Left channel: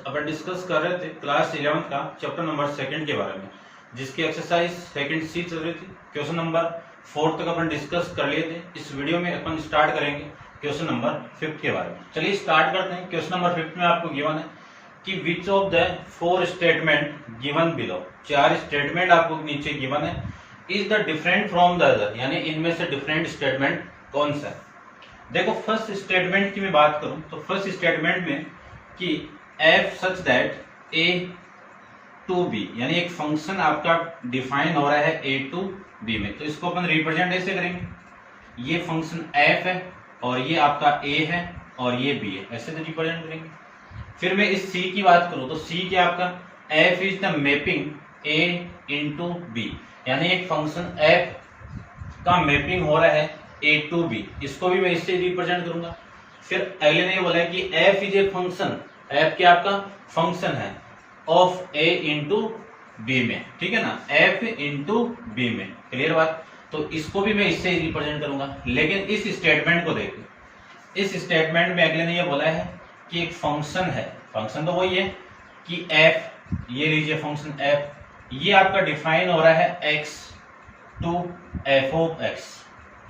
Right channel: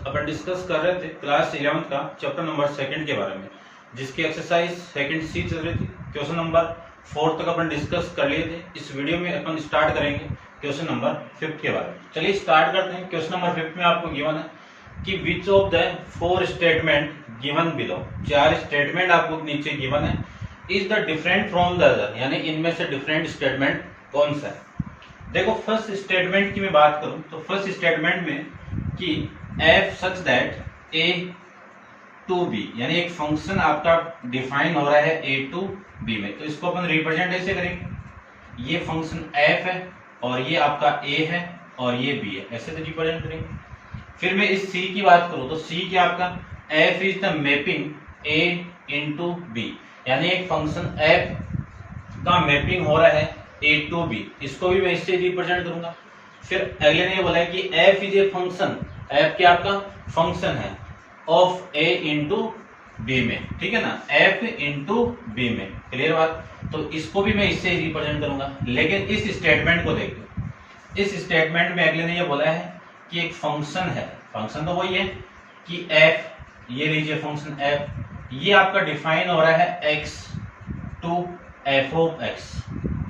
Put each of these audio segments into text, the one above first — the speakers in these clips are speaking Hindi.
अपन डिस्कस कर रहे थे क्लास 11 का चैप्टर नंबर 2 के बारे में, जिसकी एक्सरसाइज 2 सी चल रही थी। क्वेश्चन नंबर 4 तक अपन डिस्कस कर लिए थे। इस वीडियो में अपन स्टार्ट करेंगे क्वेश्चन नंबर 5 के बारे में। चलिए स्टार्ट करते हैं। क्वेश्चन नंबर 5 में आपको गिवन है कि विच of the 4 statement given below, 4 statement आपको नीचे गिवन है, is the different from the other, यानी इनमें से डिफरेंट स्टेटमेंट कौन सा है। देखो फर्स्ट स्टेटमेंट की मैं बात करूं तो फर्स्ट स्टेटमेंट में कि f such that a to b, यानी एक फंक्शन आपका डिफाइन हो रहा है a टू b में, तो इसको अपन रिप्रेजेंट ऐसे करेंगे, ये फंक्शन f है और ये आपका a है और ये b है, ऐसे तो रिप्रेजेंट करेंगे। फिर मैं इस c की बात करूं तो c क्या आपका f is the mapping a into b, यानी एक फंक्शन f का मैपिंग हो रहा है a टू b, इसको भी मैं इससे रिप्रेजेंट करूंगा। फिर अगले ने ये बोला है कि f is a function, f क्या आपका फंक्शन है ऑफ a इंटू b में, ठीक है ना, f इंटू b में, क्लियर बात। तो इसको भी मैं इससे रिप्रेजेंट करूंगा। लेकिन इस स्टेटमेंट को देखो, इस स्टेटमेंट में अगले ने ये बोला है कि एक फंक्शन है, फंक्शन तो वही है कि f, ये लीजिए फंक्शन f, ये आपका डिफाइन हो रहा है x to f of x,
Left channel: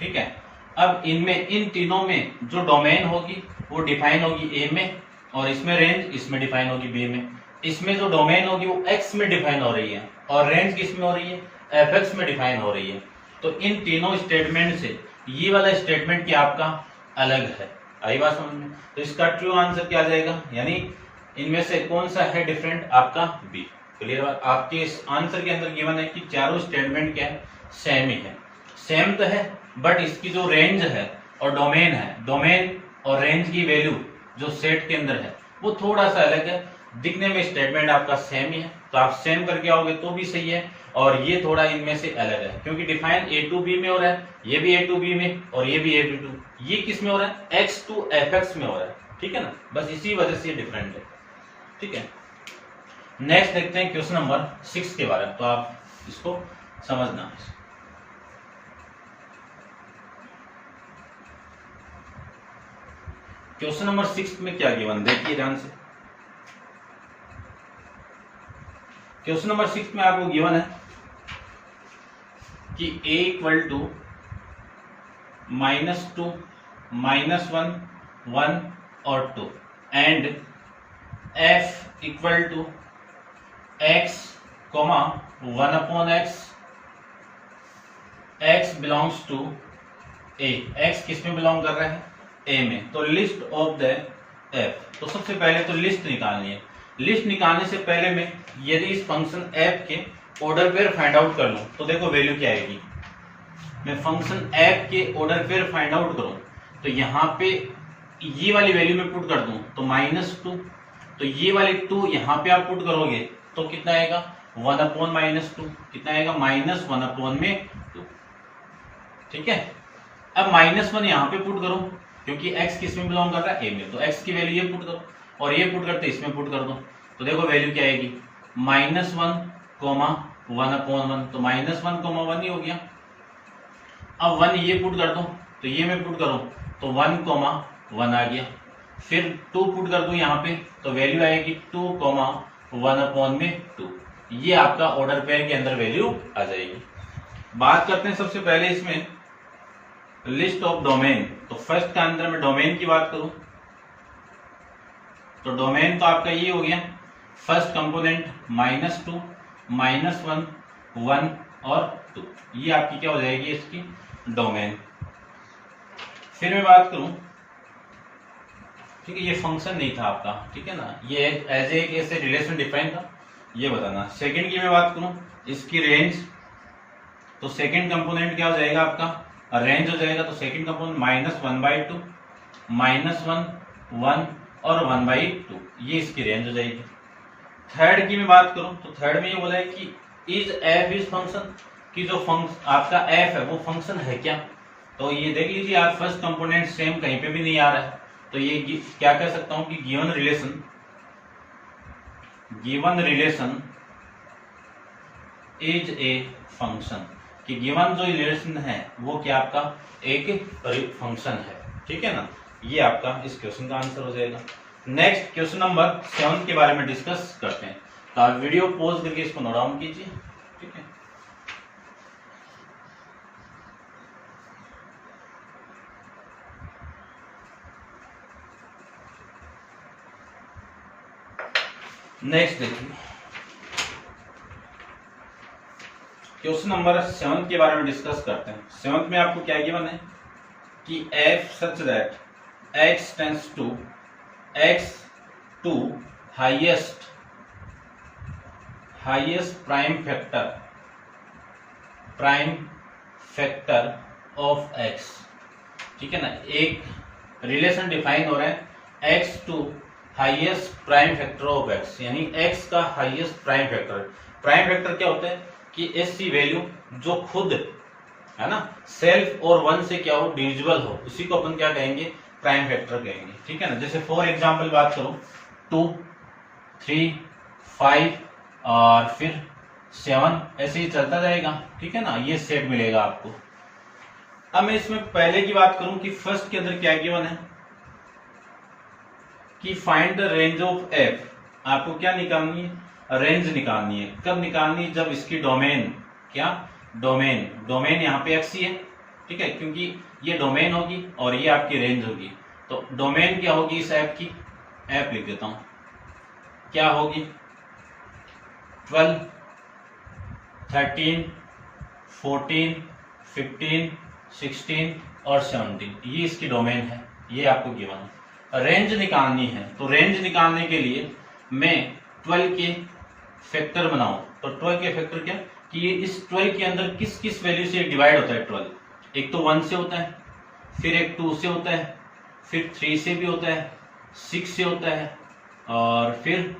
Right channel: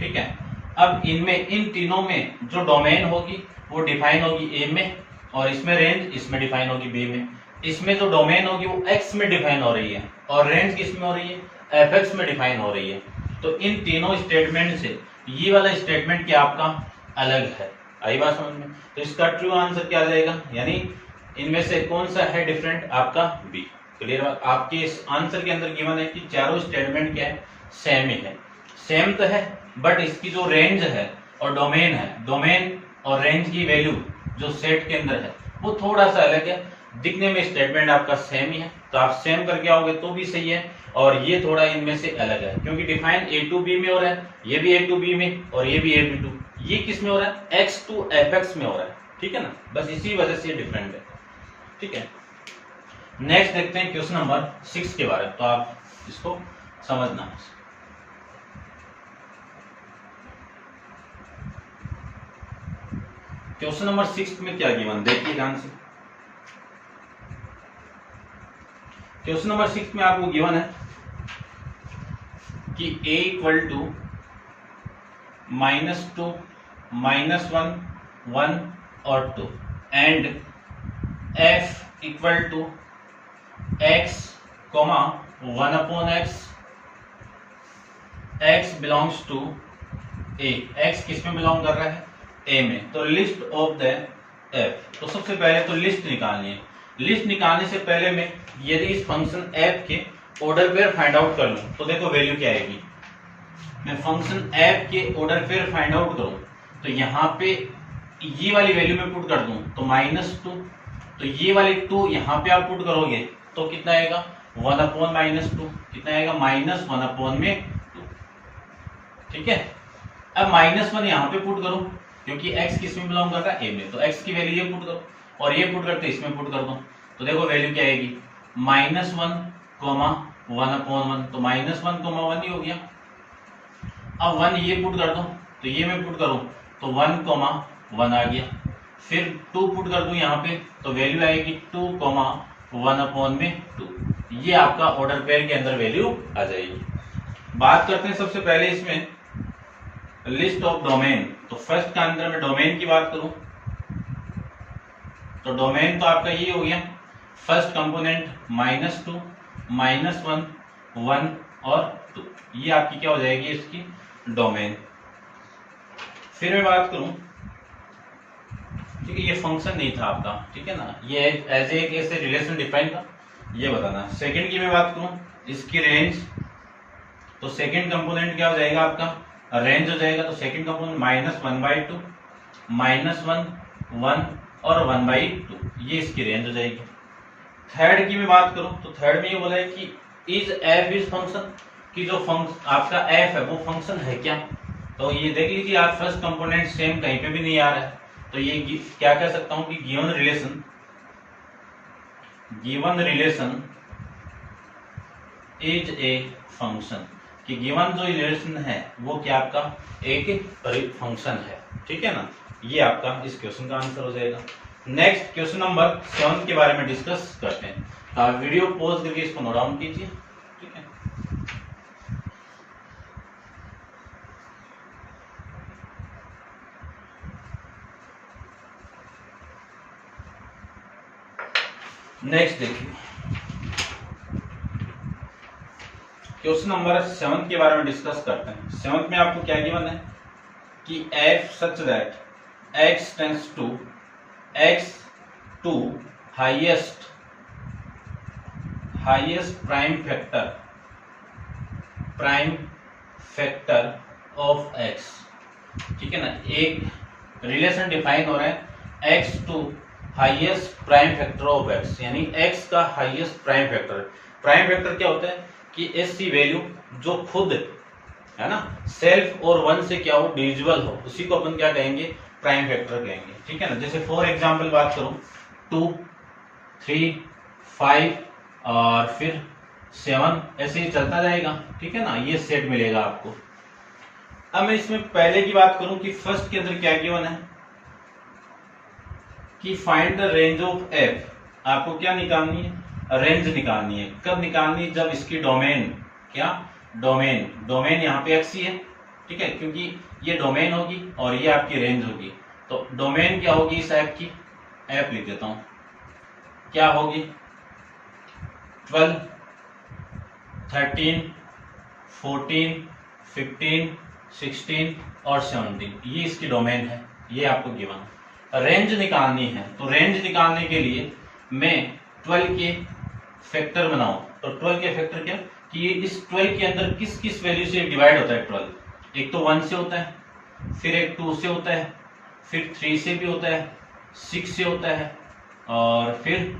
ठीक है। अब इनमें इन तीनों में जो डोमेन होगी वो डिफाइन होगी a में, और इसमें रेंज इसमें डिफाइन होगी b में। इसमें जो डोमेन होगी वो x में डिफाइन हो रही है और रेंज किस में हो रही है, fx में डिफाइन हो रही है। तो इन तीनों स्टेटमेंट से ये वाला स्टेटमेंट क्या आपका अलग है। आई बात समझ में। तो इसका ट्रू आंसर क्या आ जाएगा, यानी इनमें से कौन सा है डिफरेंट, आपका b, क्लियर बात। आपके इस आंसर के अंदर गिवन है कि चारों स्टेटमेंट क्या है, सेम ही है, सेम तो है, बट इसकी जो रेंज है और डोमेन है, डोमेन और रेंज की वैल्यू जो सेट के अंदर है वो थोड़ा सा अलग है। दिखने में स्टेटमेंट आपका सेम ही है, तो आप सेम करके आओगे तो भी सही है, और ये थोड़ा इनमें से अलग है क्योंकि डिफाइन a टू b में हो रहा है, ये भी a टू b में और ये भी a टू, ये किस में हो रहा है, x टू fx में हो रहा है, ठीक है ना, बस इसी वजह से ये डिफरेंट है, ठीक है। नेक्स्ट देखते हैं क्वेश्चन नंबर 6 के बारे में, तो आप इसको समझना। क्वेश्चन नंबर 6 में क्या गिवन, देखिए ध्यान से। क्वेश्चन नंबर 6 में आपको गिवन है कि a इक्वल टू -2, -1, 1 और 2 and f equal to x, 1 upon x, x belongs to a, x किस में बिलोंग कर रहा है, a में। तो लिस्ट ऑफ द f, तो सबसे पहले तो लिस्ट निकालनी है। लिस्ट निकालने से पहले मैं यदि इस फंक्शन f के ऑर्डर पेयर फाइंड आउट कर लूं तो देखो वैल्यू क्या आएगी। मैं फंक्शन f के ऑर्डर पेयर फाइंड आउट करूं तो यहाँ पे ये वाली वैल्यू में पुट कर दूं तो -2, तो ये वाली 2 यहाँ पे आप पुट करोगे तो कितना आएगा, 1 अपॉन -2, कितना आएगा, -1 अपॉन में 2, ठीक है। अब -1 यहाँ पे पुट करो क्योंकि x किस में बिलोंग कर रहा है, a में, तो x की वैल्यू ये पुट करो और ये पुट करते इसमें पुट कर दो, तो देखो वैल्यू क्या आएगी, -1, 1 अपॉन 1, तो -1, 1 ही हो गया। अब 1 ये पुट कर दो तो ये मैं पुट करूं तो 1, 1 आ गया। फिर 2 पुट कर दूं यहाँ पे तो वैल्यू आएगी 2, 1 अपॉन में 2, ये आपका ऑर्डर पेयर के अंदर वैल्यू आ जाएगी। बात करते हैं सबसे पहले इसमें लिस्ट ऑफ डोमेन, तो फर्स्ट का अंदर में डोमेन की बात करूं तो डोमेन तो आपका ये हो गया, फर्स्ट कंपोनेंट -2, -1, 1 और 2, ये आपकी क्या हो जाएगी इसकी डोमेन। फिर मैं बात करूं, ठीक है, ये फंक्शन नहीं था आपका, ठीक है ना, ये एज ए ऐसे रिलेशन डिफाइन था, ये बताना। सेकंड की मैं बात करूं इसकी रेंज, तो सेकंड कंपोनेंट क्या हो जाएगा आपका, रेंज हो जाएगा, तो सेकंड कंपोनेंट -1/2, -1, 1 और 1/2, ये इसकी रेंज हो जाएगी। थर्ड की मैं बात करूं तो थर्ड में ये बोला है कि इज f इज फंक्शन, कि जो फंक्शन आपका f है वो फंक्शन है क्या। तो ये देख लीजिए आप, फर्स्ट कंपोनेंट सेम कहीं पे भी नहीं आ रहा है, तो ये क्या कह सकता हूं कि given relation is a function, कि गिवन जो रिलेशन है वो क्या आपका एक फंक्शन है, ठीक है ना, ये आपका इस क्वेश्चन का आंसर हो जाएगा। नेक्स्ट क्वेश्चन नंबर 7 के बारे में डिस्कस करते हैं। तो आप वीडियो पॉज करके इसको नोट डाउन कीजिए, ठीक है। नेक्स्ट देखिए, क्वेश्चन नंबर 7 के बारे में डिस्कस करते हैं। 7 में आपको क्या गिवन है कि f such that x tends to x to highest prime factor of x, ठीक है ना। एक रिलेशन डिफाइन हो रहा है x to highest prime factor of x, यानी x का highest prime factor. Prime factor क्या होता है कि ऐसी वैल्यू जो खुद है ना सेल्फ और वन से क्या हो डिविजिबल हो, उसी को अपन क्या कहेंगे, प्राइम फैक्टर कहेंगे, ठीक है ना। जैसे फॉर एग्जांपल बात करूं 2, 3, 5 और फिर 7, ऐसे ही चलता जाएगा, ठीक है ना। ये सेट मिलेगा आपको। अब मैं इसमें पहले की बात करूं कि फर्स्ट के अंदर क्या गिवन है कि find the range of f। आपको क्या निकालनी है, रेंज निकालनी है। कब निकालनी है, जब इसकी डोमेन, क्या डोमेन यहाँ पे x ही है, ठीक है, क्योंकि ये डोमेन होगी और ये आपकी रेंज होगी। तो डोमेन क्या होगी इस ऐप की, ऐप लिख देता हूं, क्या होगी 12, 13, 14, 15, 16 और 17, ये इसकी डोमेन है, ये आपको गिवन है। रेंज निकालनी है, तो रेंज निकालने के लिए मैं 12 के फैक्टर बनाऊं। तो 12 के फैक्टर क्या कि ये इस 12 के अंदर किस किस वैल्यू से डिवाइड होता है 12। एक तो 1 से होता है, फिर एक 2 से होता है, फिर 3 से भी होता है, 6 से होता है और फिर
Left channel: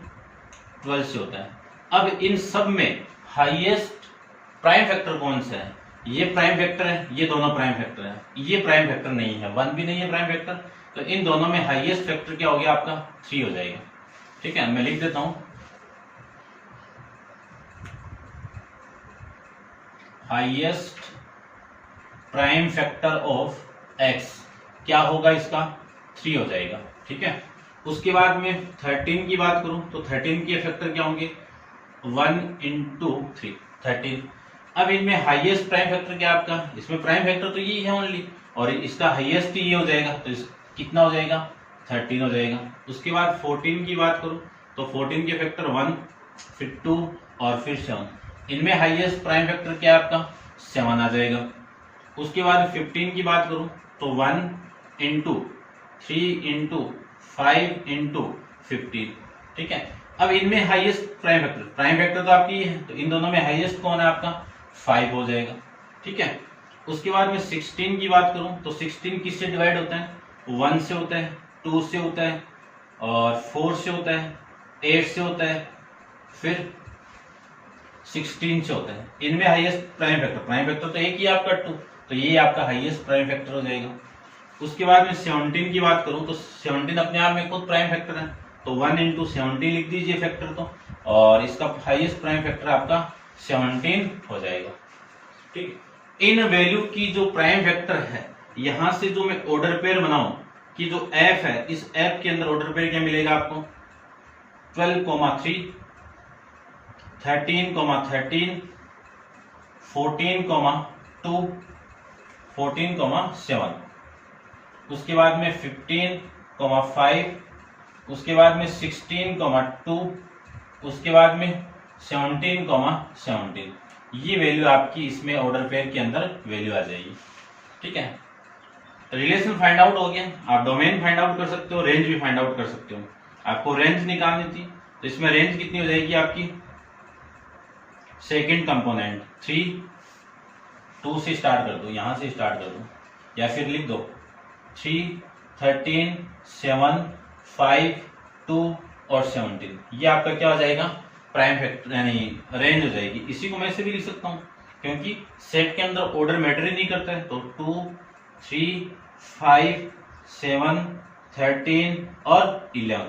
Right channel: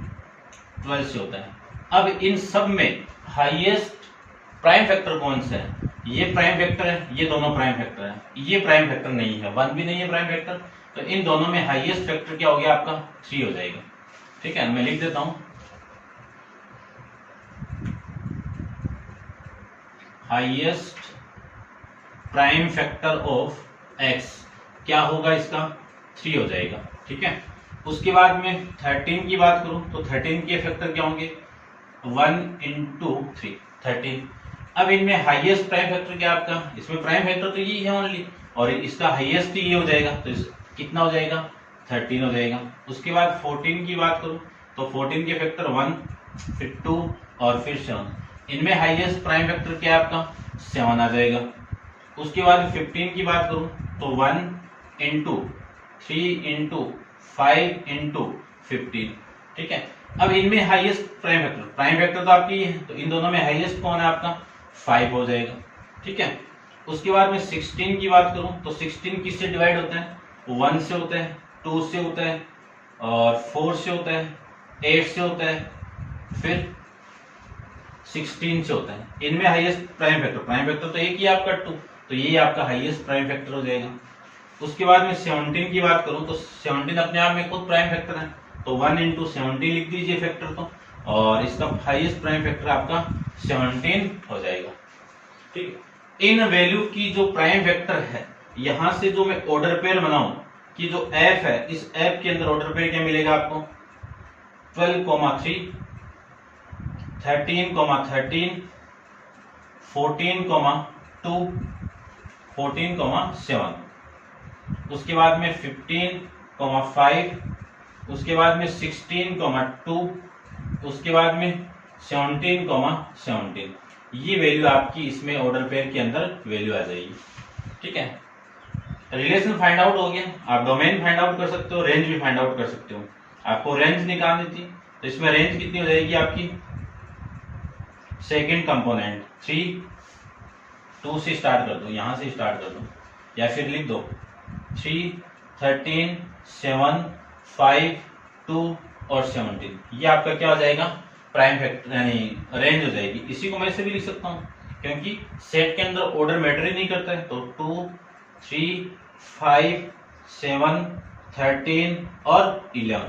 12 से होता है। अब इन सब में हाईएस्ट प्राइम फैक्टर कौन सा है, ये प्राइम फैक्टर है, ये दोनों प्राइम फैक्टर है। ये प्राइम फैक्टर नहीं है, 1 भी नहीं है प्राइम फैक्टर, तो इन दोनों में हाईएस्ट फैक्टर क्या हो गया आपका 3 हो जाएगा, ठीक है। मैं लिख देता हूं highest prime factor of x क्या होगा, इसका 3 हो जाएगा, ठीक है। उसके बाद में 13 की बात करूं तो 13 के फैक्टर क्या होंगे 1 into 3, 13। अब इनमें हाईएस्ट प्राइम फैक्टर क्या आपका, इसमें प्राइम फैक्टर तो यही है ओनली, और इसका हाईएस्ट ये हो जाएगा, तो कितना हो जाएगा 13 हो जाएगा। उसके बाद 14 की बात करूं तो 14 के फैक्टर 1, फिर 2 और फिर 7। इनमें हाईएस्ट प्राइम फैक्टर क्या है आपका 7 आ जाएगा। उसके बाद 15 की बात करूं तो 1 into 3 into 5 into 15, ठीक है। अब इनमें हाईएस्ट प्राइम फैक्टर तो आपकी है, तो इन दोनों में हाईएस्ट कौन है आपका 5 हो जाएगा, ठीक है। उसके बाद में 16 की बात करूं तो 16 किससे डिवाइड होता है, 1 से होता है, 2 से होता है और 4 से होता है, 8 से होता है, फिर 16 से होता है। इनमें हाईएस्ट प्राइम फैक्टर तो एक ही आपका 2, तो ये आपका हाईएस्ट प्राइम फैक्टर हो जाएगा। उसके बाद में 17 की बात करूं तो 17 अपने आप में खुद प्राइम फैक्टर है, तो 1 into 17 लिख दीजिए फैक्टर को, और इसका हाईएस्ट प्राइम फैक्टर आपका 17 हो जाएगा, ठीक है। इन वैल्यू की जो प्राइम फैक्टर है, यहां से जो मैं ऑर्डर पेयर बनाऊं कि जो f है, इस f के अंदर ऑर्डर पेयर क्या मिलेगा आपको 12,3, 13,13, 14,2, 14,7। उसके बाद में 15,5, उसके बाद में 16,2, उसके बाद में 17,17। ये वैल्यू आपकी इसमें ऑर्डर पेयर के अंदर वैल्यू आ जाएगी, ठीक है। रिलेशन फाइंड आउट हो गया, आप डोमेन फाइंड आउट कर सकते हो, रेंज भी फाइंड आउट कर सकते हो। आपको रेंज निकालनी थी, तो इसमें रेंज कितनी हो जाएगी आपकी, सेकंड कंपोनेंट 3, 2 से स्टार्ट कर दो, यहां से स्टार्ट कर दो, या फिर लिख दो 3, 13, 7, 5, 2 और 17। ये आपका क्या हो जाएगा प्राइम फैक्टर यानी रेंज हो जाएगी। इसी को मैं ऐसे भी लिख सकता हूँ, क्योंकि सेट के अंदर ऑर्डर मैटर ही नहीं करता है, तो 2, 3, 5, 7, 13 और 11,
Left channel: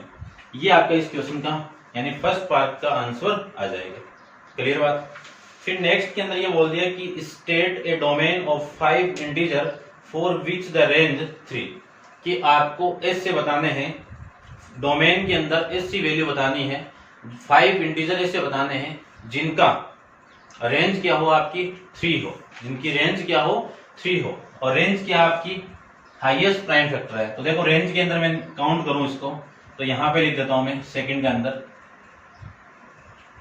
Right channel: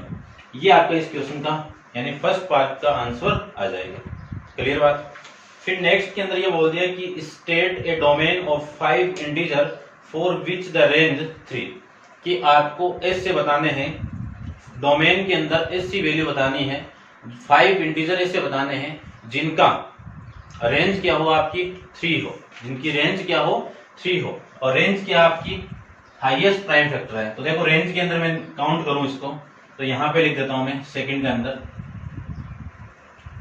ये आपका इस क्वेश्चन का यानी फर्स्ट पार्ट का आंसर आ जाएगा। क्लियर बात। फिर नेक्स्ट के अंदर ये बोल दिया कि state A domain of 5 integer for which the range 3, कि आपको ऐसे बताने हैं डोमेन के अंदर ऐसी वैल्यू बतानी है, 5 इंटीजर ऐसे बताने हैं जिनका रेंज क्या हो आपकी 3 हो, जिनकी रेंज क्या हो 3 हो, और रेंज क्या आपकी हाईएस्ट प्राइम फैक्टर है। तो देखो रेंज के अंदर मैं काउंट करूं इसको, तो यहां पे लिख देता हूं मैं सेकंड के अंदर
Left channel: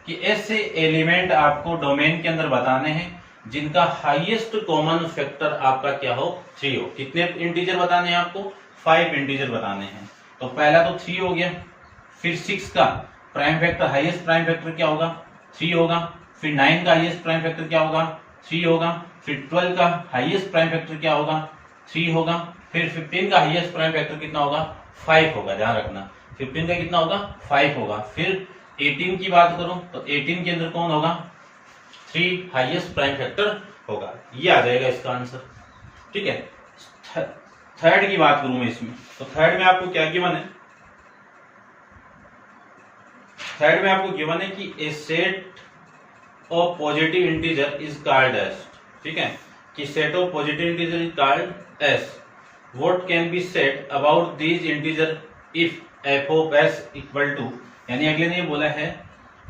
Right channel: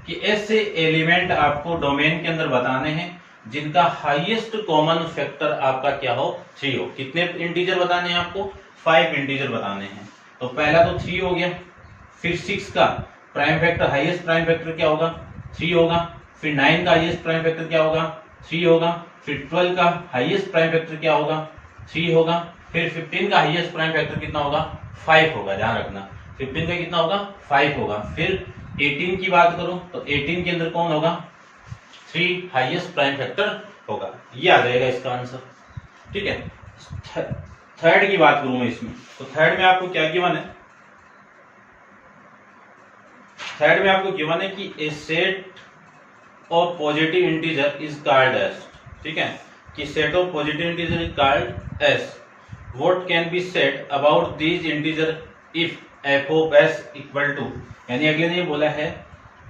कि ऐसे एलिमेंट आपको डोमेन के अंदर बताने हैं जिनका हाईएस्ट कॉमन फैक्टर आपका क्या हो 3 हो। कितने इंटीजर बताने हैं आपको 5 इंटीजर बताने हैं। तो पहला तो 3 हो गया, फिर 6 का prime factor highest prime factor क्या होगा 3 होगा, फिर 9 का हाईएस्ट प्राइम फैक्टर क्या होगा 3 होगा, फिर 12 का हाईएस्ट प्राइम फैक्टर क्या होगा 3 होगा, फिर 15 का हाईएस्ट प्राइम फैक्टर कितना होगा 5 होगा, ध्यान रखना 15 का कितना होगा 5 होगा। फिर 18 की बात करूं तो 18 के अंदर कौन होगा 3 हाईएस्ट प्राइम फैक्टर होगा, ये आ जाएगा इसका आंसर। ठीक है, थर्ड की बात करूं मैं इसमें, तो थर्ड में आपको क्या गिवन है, थर्ड में आपको गिवन है कि a set of positive integer is called S, ठीक है, कि set of positive integer is called S what can be said about these integer if F of S equal to, यानी अगले ने बोला है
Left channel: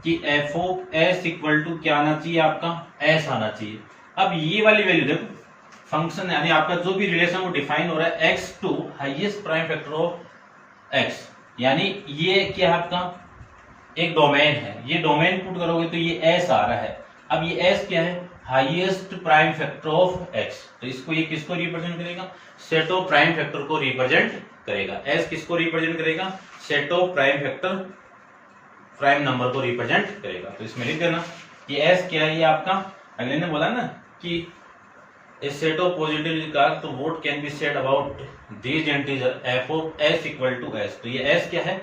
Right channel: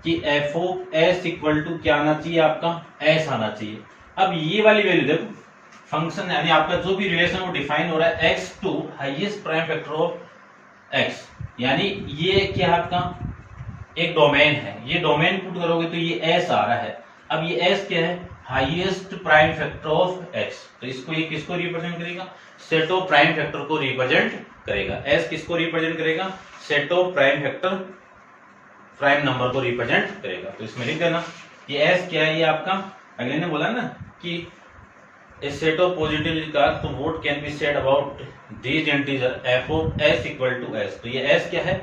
कि F of S equal to क्या आना चाहिए आपका एस आना चाहिए। अब ये वाली वैल्यू देखो फंक्शन, यानी आपका जो भी रिलेशन वो डिफाइन हो रहा है x to highest prime factor of x, यानी ये क्या आपका एक डोमेन है, ये डोमेन पुट करोगे तो ये एस आ रहा है। अब ये एस क्या है highest prime factor of x, तो इसको ये किसको रिप्रेजेंट करेगा सेट ऑफ प्राइम फैक्टर को रिप्रेजेंट करेगा। एस किसको रिप्रेजेंट करेगा set of prime factor prime number को रिप्रेजेंट करेगा। तो इसमें लिख देना ये एस क्या है, ये आपका अगले ने बोला ना कि a set of positive regards to what can be said about these integer f of s equal to s, तो ये s क्या है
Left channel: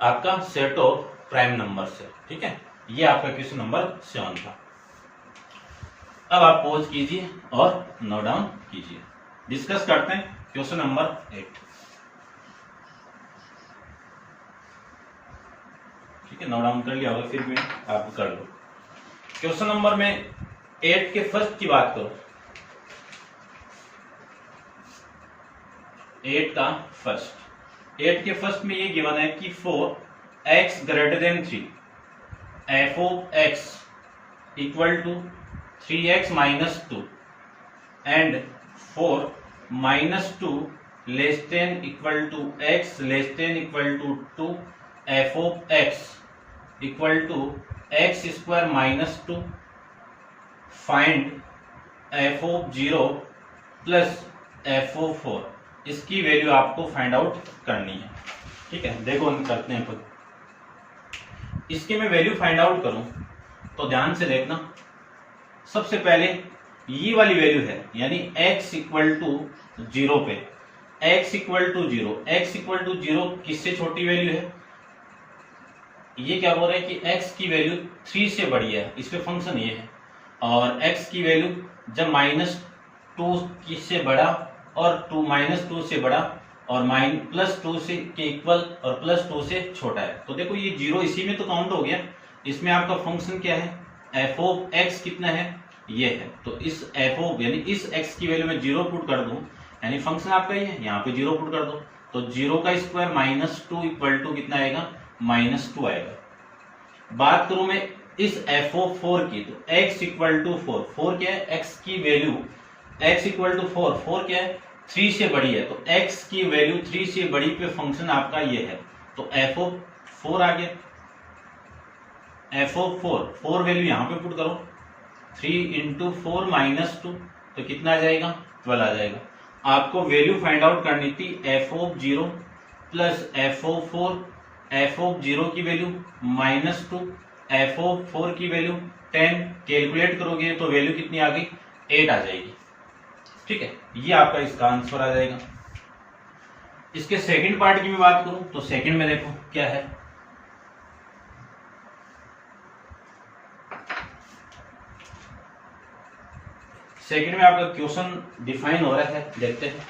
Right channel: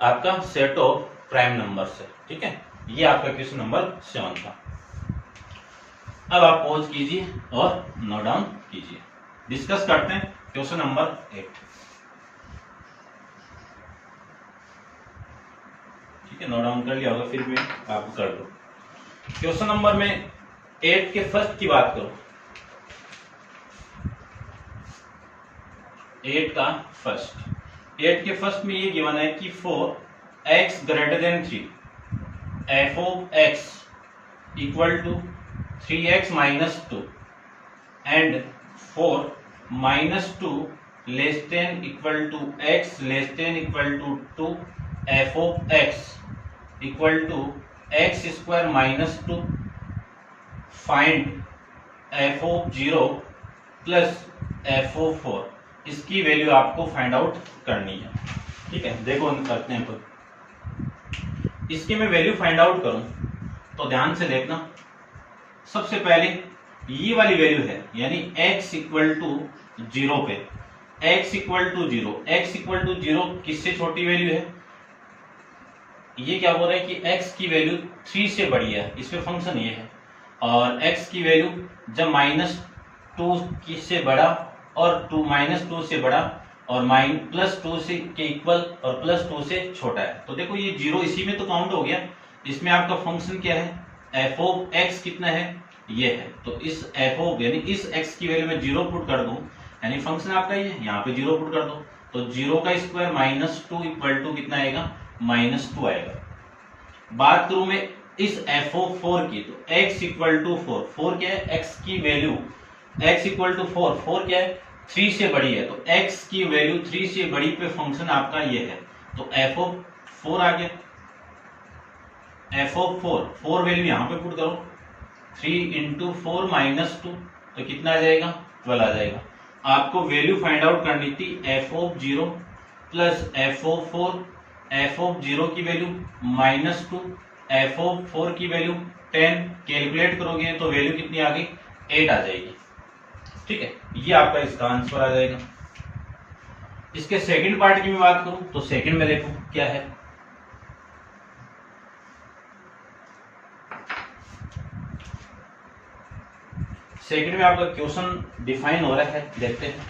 आपका सेट ऑफ प्राइम नंबर से। ठीक है, ये आपका क्वेश्चन नंबर 7 था। अब आप पॉज कीजिए और नोट डाउन कीजिए, डिस्कस करते हैं क्वेश्चन नंबर 8। ठीक है, नोट डाउन कर लिया होगा, फिर भी आप कर दो। क्वेश्चन नंबर में 8 के फर्स्ट की बात करो, 8 का फर्स्ट, 8 के फर्स्ट में ये गिवन है कि for x greater than 3 f of x equal to 3x minus 2 and for -2 less than equal to x less than equal to 2 f of x equal to x square minus 2 find f of 0 plus f of 4, इसकी वैल्यू आपको फाइंड आउट करनी है। ठीक है, देखो करते हैं खुद। इसकी मैं वैल्यू फाइंड आउट करूं तो ध्यान से देखना, सबसे पहले ये वाली वैल्यू है यानी x इक्वल टू 0 पे, x equal to 0, x equal to 0 किससे छोटी वैल्यू है, ये क्या बोल रहा है कि x की वैल्यू 3 से बड़ी है, इसमें फंक्शन ये है, और x की वैल्यू जब -2 किससे बड़ा और -2 से बड़ा और +2 से के इक्वल और +2 से छोटा है, तो देखो ये 0 इसी में तो काउंट हो गया। इसमें आपका फंक्शन क्या है f ऑफ x कितना है ये है, तो इस f ऑफ यानी इस x की वैल्यू में 0 पुट कर दूं, यानी फंक्शन आपका ये है, यहाँ पे 0 पुट कर दो तो 0 का स्क्वायर -2 इक्वल टू कितना आएगा -2 आएगा। बात करूं मैं इस f ऑफ 4 की, तो x इक्वल टू 4, 4 क्या है x की वैल्यू, x इक्वल टू 4, 4 क्या है 3 से बड़ी है, तो x की वैल्यू 3 से बड़ी पे फंक्शन आपका ये है, तो f ऑफ 4 आ गया, f ऑफ 4 वैल्यू यहाँ पे पुट करो, 3 इंटू 4 -2 तो कितना आ जाएगा 12 आ जाएगा। आपको वैल्यू फाइंड आउट करनी थी f of 0 plus f of 4, f of 0 की वैल्यू -2, f ऑफ 4 की वैल्यू 10, कैलकुलेट करोगे तो वैल्यू कितनी आ गई 8 आ जाएगी। ठीक है, ये आपका इसका आंसर आ जाएगा। इसके सेकंड पार्ट की मैं बात करूं तो सेकंड में देखो क्या है, सेकंड में आपका क्वेश्चन डिफाइन हो रहा है, देखते हैं।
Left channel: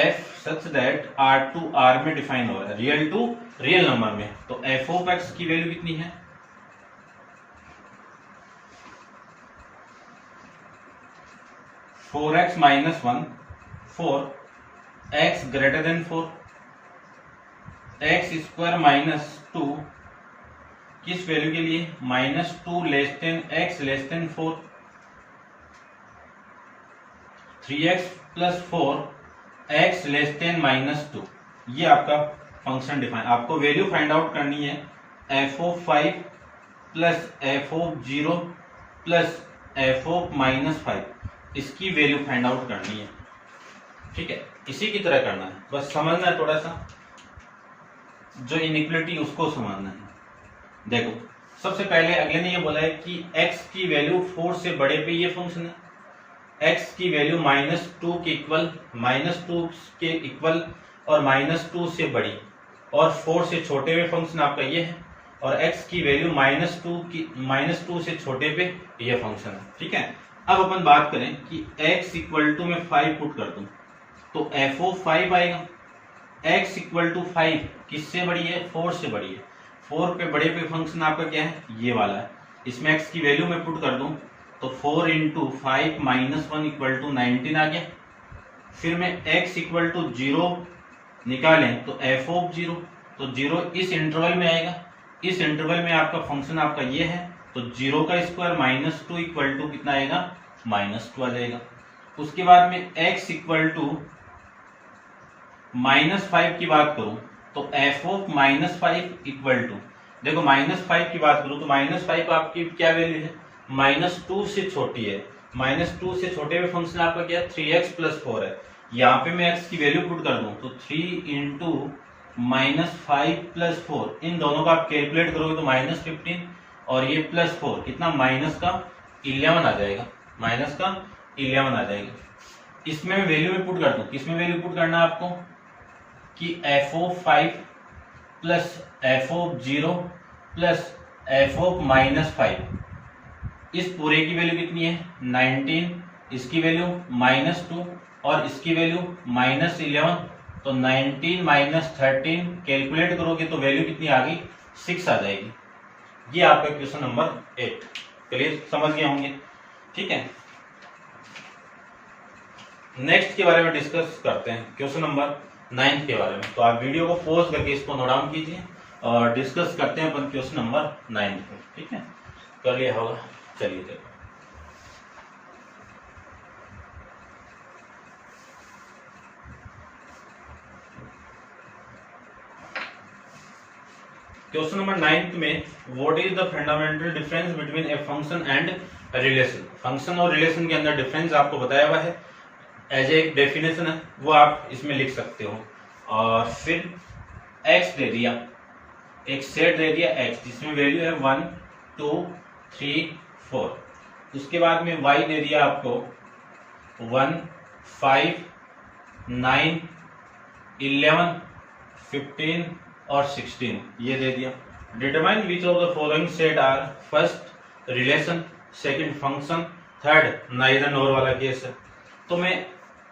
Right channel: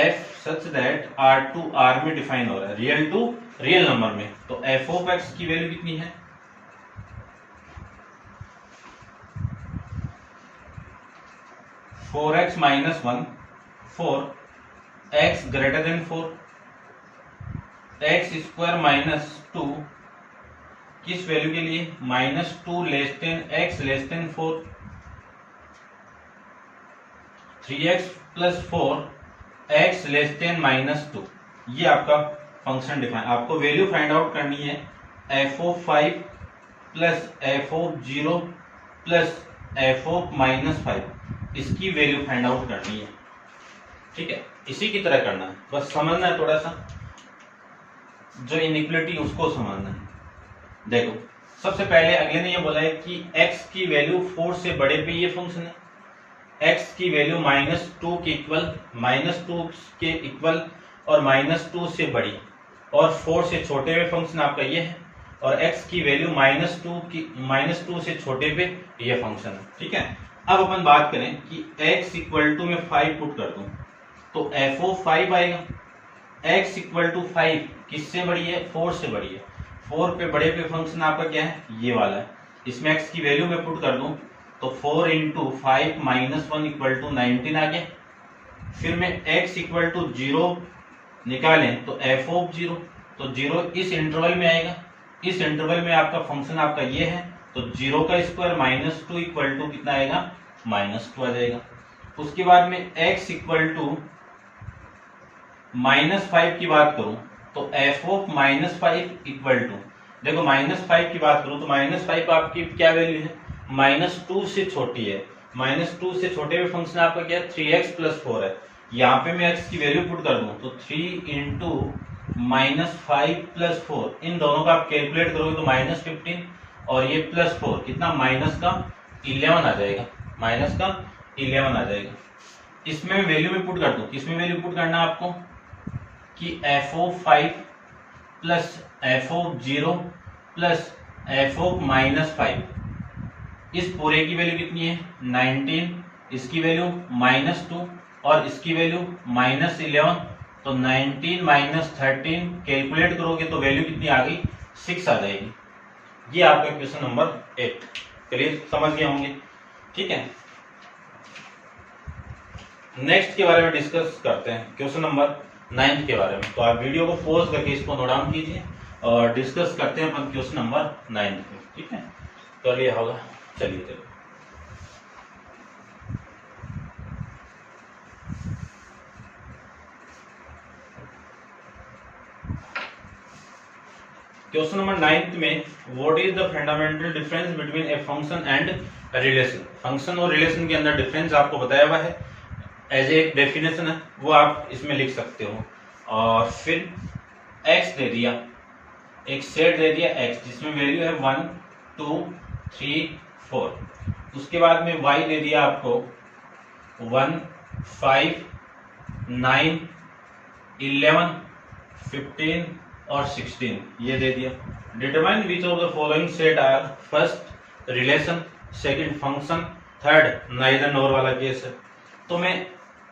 f such that r to r में डिफाइन हो रहा है, रियल टू रियल नंबर में, तो f ऑफ x की वैल्यू कितनी है 4x minus 1 4 x greater then 4 x square minus 2 किस वैल्यू के लिए -2 less then x less then 4 3x plus 4 x less then -2। ये आपका फंक्शन डिफाइन, आपको वैल्यू फाइंड आउट करनी है f(5) plus f(0) plus f(-5), इसकी वैल्यू फाइंड आउट करनी है। ठीक है, इसी की तरह करना है, बस समझना है थोड़ा सा जो इनइक्वालिटी उसको समझना है। देखो सबसे पहले अगले ने ये बोला है कि x की वैल्यू 4 से बड़े पे ये फंक्शन है, x की वैल्यू -2 के इक्वल, -2 के इक्वल और -2 से बड़ी और 4 से छोटे पे फंक्शन आपका ये है, और x की वैल्यू -2 से छोटे पे ये फंक्शन है। ठीक है, अब अपन बात करें कि x इक्वल टू में 5 पुट कर दूं तो f(5) आएगा। x इक्वल टू 5 किससे बड़ी है, 4 से बड़ी है। 4 पे बड़े पे फंक्शन आपका क्या है, ये वाला है। इसमें x की वैल्यू में पुट कर दूं तो 4 × 5 - 1 इक्वल टू 19 आ गया। फिर मैं x इक्वल टू 0 निकालें तो f(0), तो 0 इस इंटरवल में आएगा। इस इंटरवल में आपका फंक्शन आपका ये है, तो 0 का स्क्वायर -2 इक्वल टू कितना आएगा, -2 आ जाएगा। उसके बाद में x इक्वल टू -5 की बात करूं तो f(-5) इक्वल टू, देखो -5 की बात करूं तो -5 आपकी क्या वैल्यू है, -2 से छोटी है। -2 से छोटे में फंक्शन आपका क्या है, 3x प्लस 4 है। यहाँ पे मैं x की वैल्यू पुट कर दूं तो 3 × -5 प्लस 4, इन दोनों का आप कैलकुलेट करोगे तो -15 और ये प्लस 4 कितना, -11 आ जाएगा, -11 आ जाएगा। इसमें मैं वैल्यू में पुट कर दूं, किसमें वैल्यू पुट करना है आपको कि f(5) plus f(0) plus f(-5), इस पूरे की वैल्यू कितनी है 19, इसकी वैल्यू -2 और इसकी वैल्यू -11, तो 19 - 13 कैलकुलेट करोगे तो वैल्यू कितनी आ गई, 6 आ जाएगी। ये आपका क्वेश्चन नंबर 8, चलिए समझ गए होंगे। ठीक है, नेक्स्ट के बारे में डिस्कस करते हैं, क्वेश्चन नंबर 9 के बारे में। तो आप वीडियो को पॉज करके इसको नोट डाउन कीजिए और डिस्कस करते हैं अपन क्वेश्चन नंबर 9 पे। ठीक है, तो ये होगा, चलिए देखो क्वेश्चन नंबर 9 में, what is the fundamental difference between a function and relation. Function और रिलेशन के अंदर डिफरेंस आपको बताया हुआ है, एज ए डेफिनेशन है, वो आप इसमें लिख सकते हो। और फिर x दे दिया, एक सेट दे दिया x जिसमें वैल्यू है 1 2 3 4। उसके बाद में y दे दिया आपको 1 5 9 11 15 और 16, ये दे दिया। Determine which of the following set are first relation, second function, third neither nor वाला केस है। तो मैं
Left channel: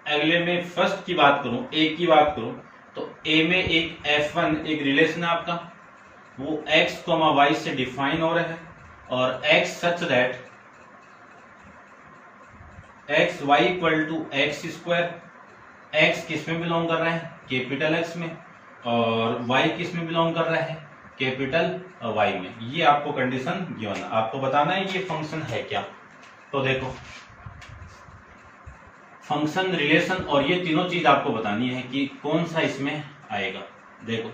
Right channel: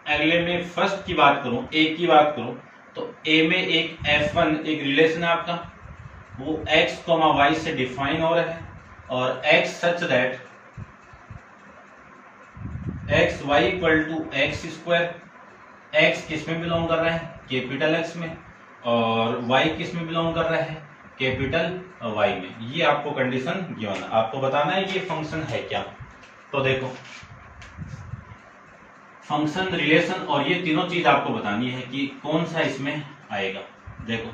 अगले में फर्स्ट की बात करूं, ए की बात करूं तो ए में एक f1 एक रिलेशन है आपका, वो x, y से डिफाइन हो रहा है और x such that x y equal to x square. x किस में बिलोंग कर रहा है, कैपिटल X में, और y किस में बिलोंग कर रहा है, कैपिटल Y में। ये आपको कंडीशन गिवन है, आपको बताना है कि ये फंक्शन है क्या। तो देखो फंक्शन, रिलेशन और ये तीनों चीज आपको बतानी है कि कौन सा इसमें आएगा। देखो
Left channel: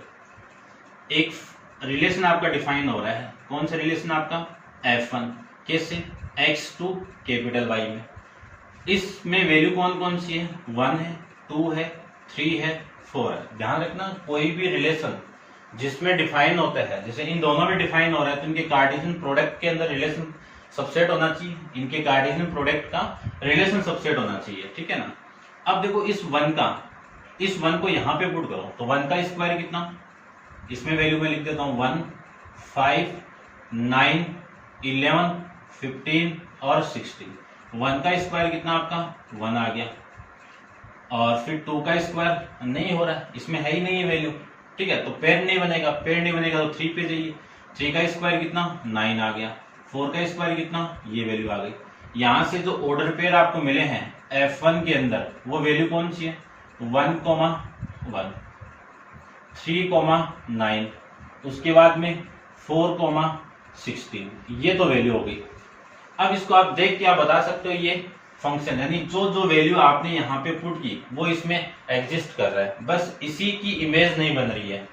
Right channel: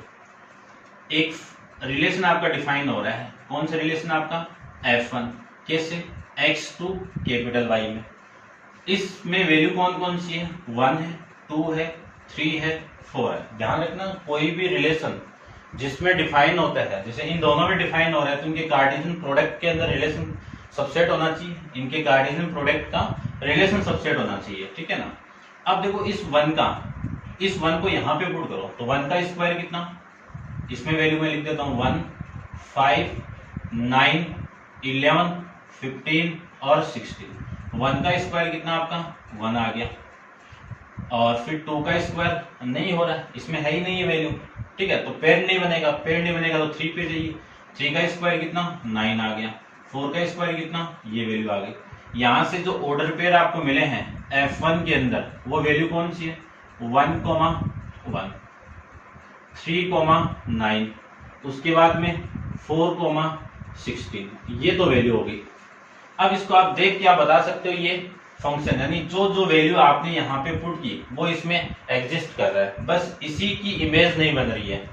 एक रिलेशन आपका डिफाइन हो रहा है, कौन सा रिलेशन आपका, f1, कैसे, x2 कैपिटल Y में। इसमें वैल्यू कौन कौन सी है, 1 है, 2 है, 3 है, 4 है। ध्यान रखना, कोई भी रिलेशन जिसमें डिफाइन होता है, जैसे इन दोनों में डिफाइन हो रहा है तो इनके कार्टेशियन प्रोडक्ट के अंदर रिलेशन सबसेट होना चाहिए, इनके कार्टेशियन प्रोडक्ट का रिलेशन सबसेट होना चाहिए। ठीक है ना। अब देखो इस 1 को यहाँ पे पुट करो तो 1 का स्क्वायर कितना, इसमें वैल्यू में लिख देता हूँ 1 5 9 11 15 और 16। 1 का स्क्वायर कितना आपका 1 आ गया, और फिर 2 का स्क्वायर नहीं हो रहा है, इसमें है ही नहीं है वैल्यू। ठीक है, तो पेयर नहीं बनेगा, तो 3 पे जाइए, 3 का स्क्वायर कितना 9 आ गया, 4 का स्क्वायर कितना, ये वैल्यू आ गई। यहाँ से जो ऑर्डर पेयर आपको मिले हैं F1 के अंदर वो वैल्यू कौन सी है 1,1, 3,9, उसके बाद में 4,16, ये तो वैल्यू हो गई। अब इसको आप देख के आप बता सकते हो ये फंक्शन, यानी जो जो वैल्यू आपने यहाँ पे पुट की वो इसमें एग्जिस्ट कर रहा है, बस इसी की इमेज नहीं बन रही है।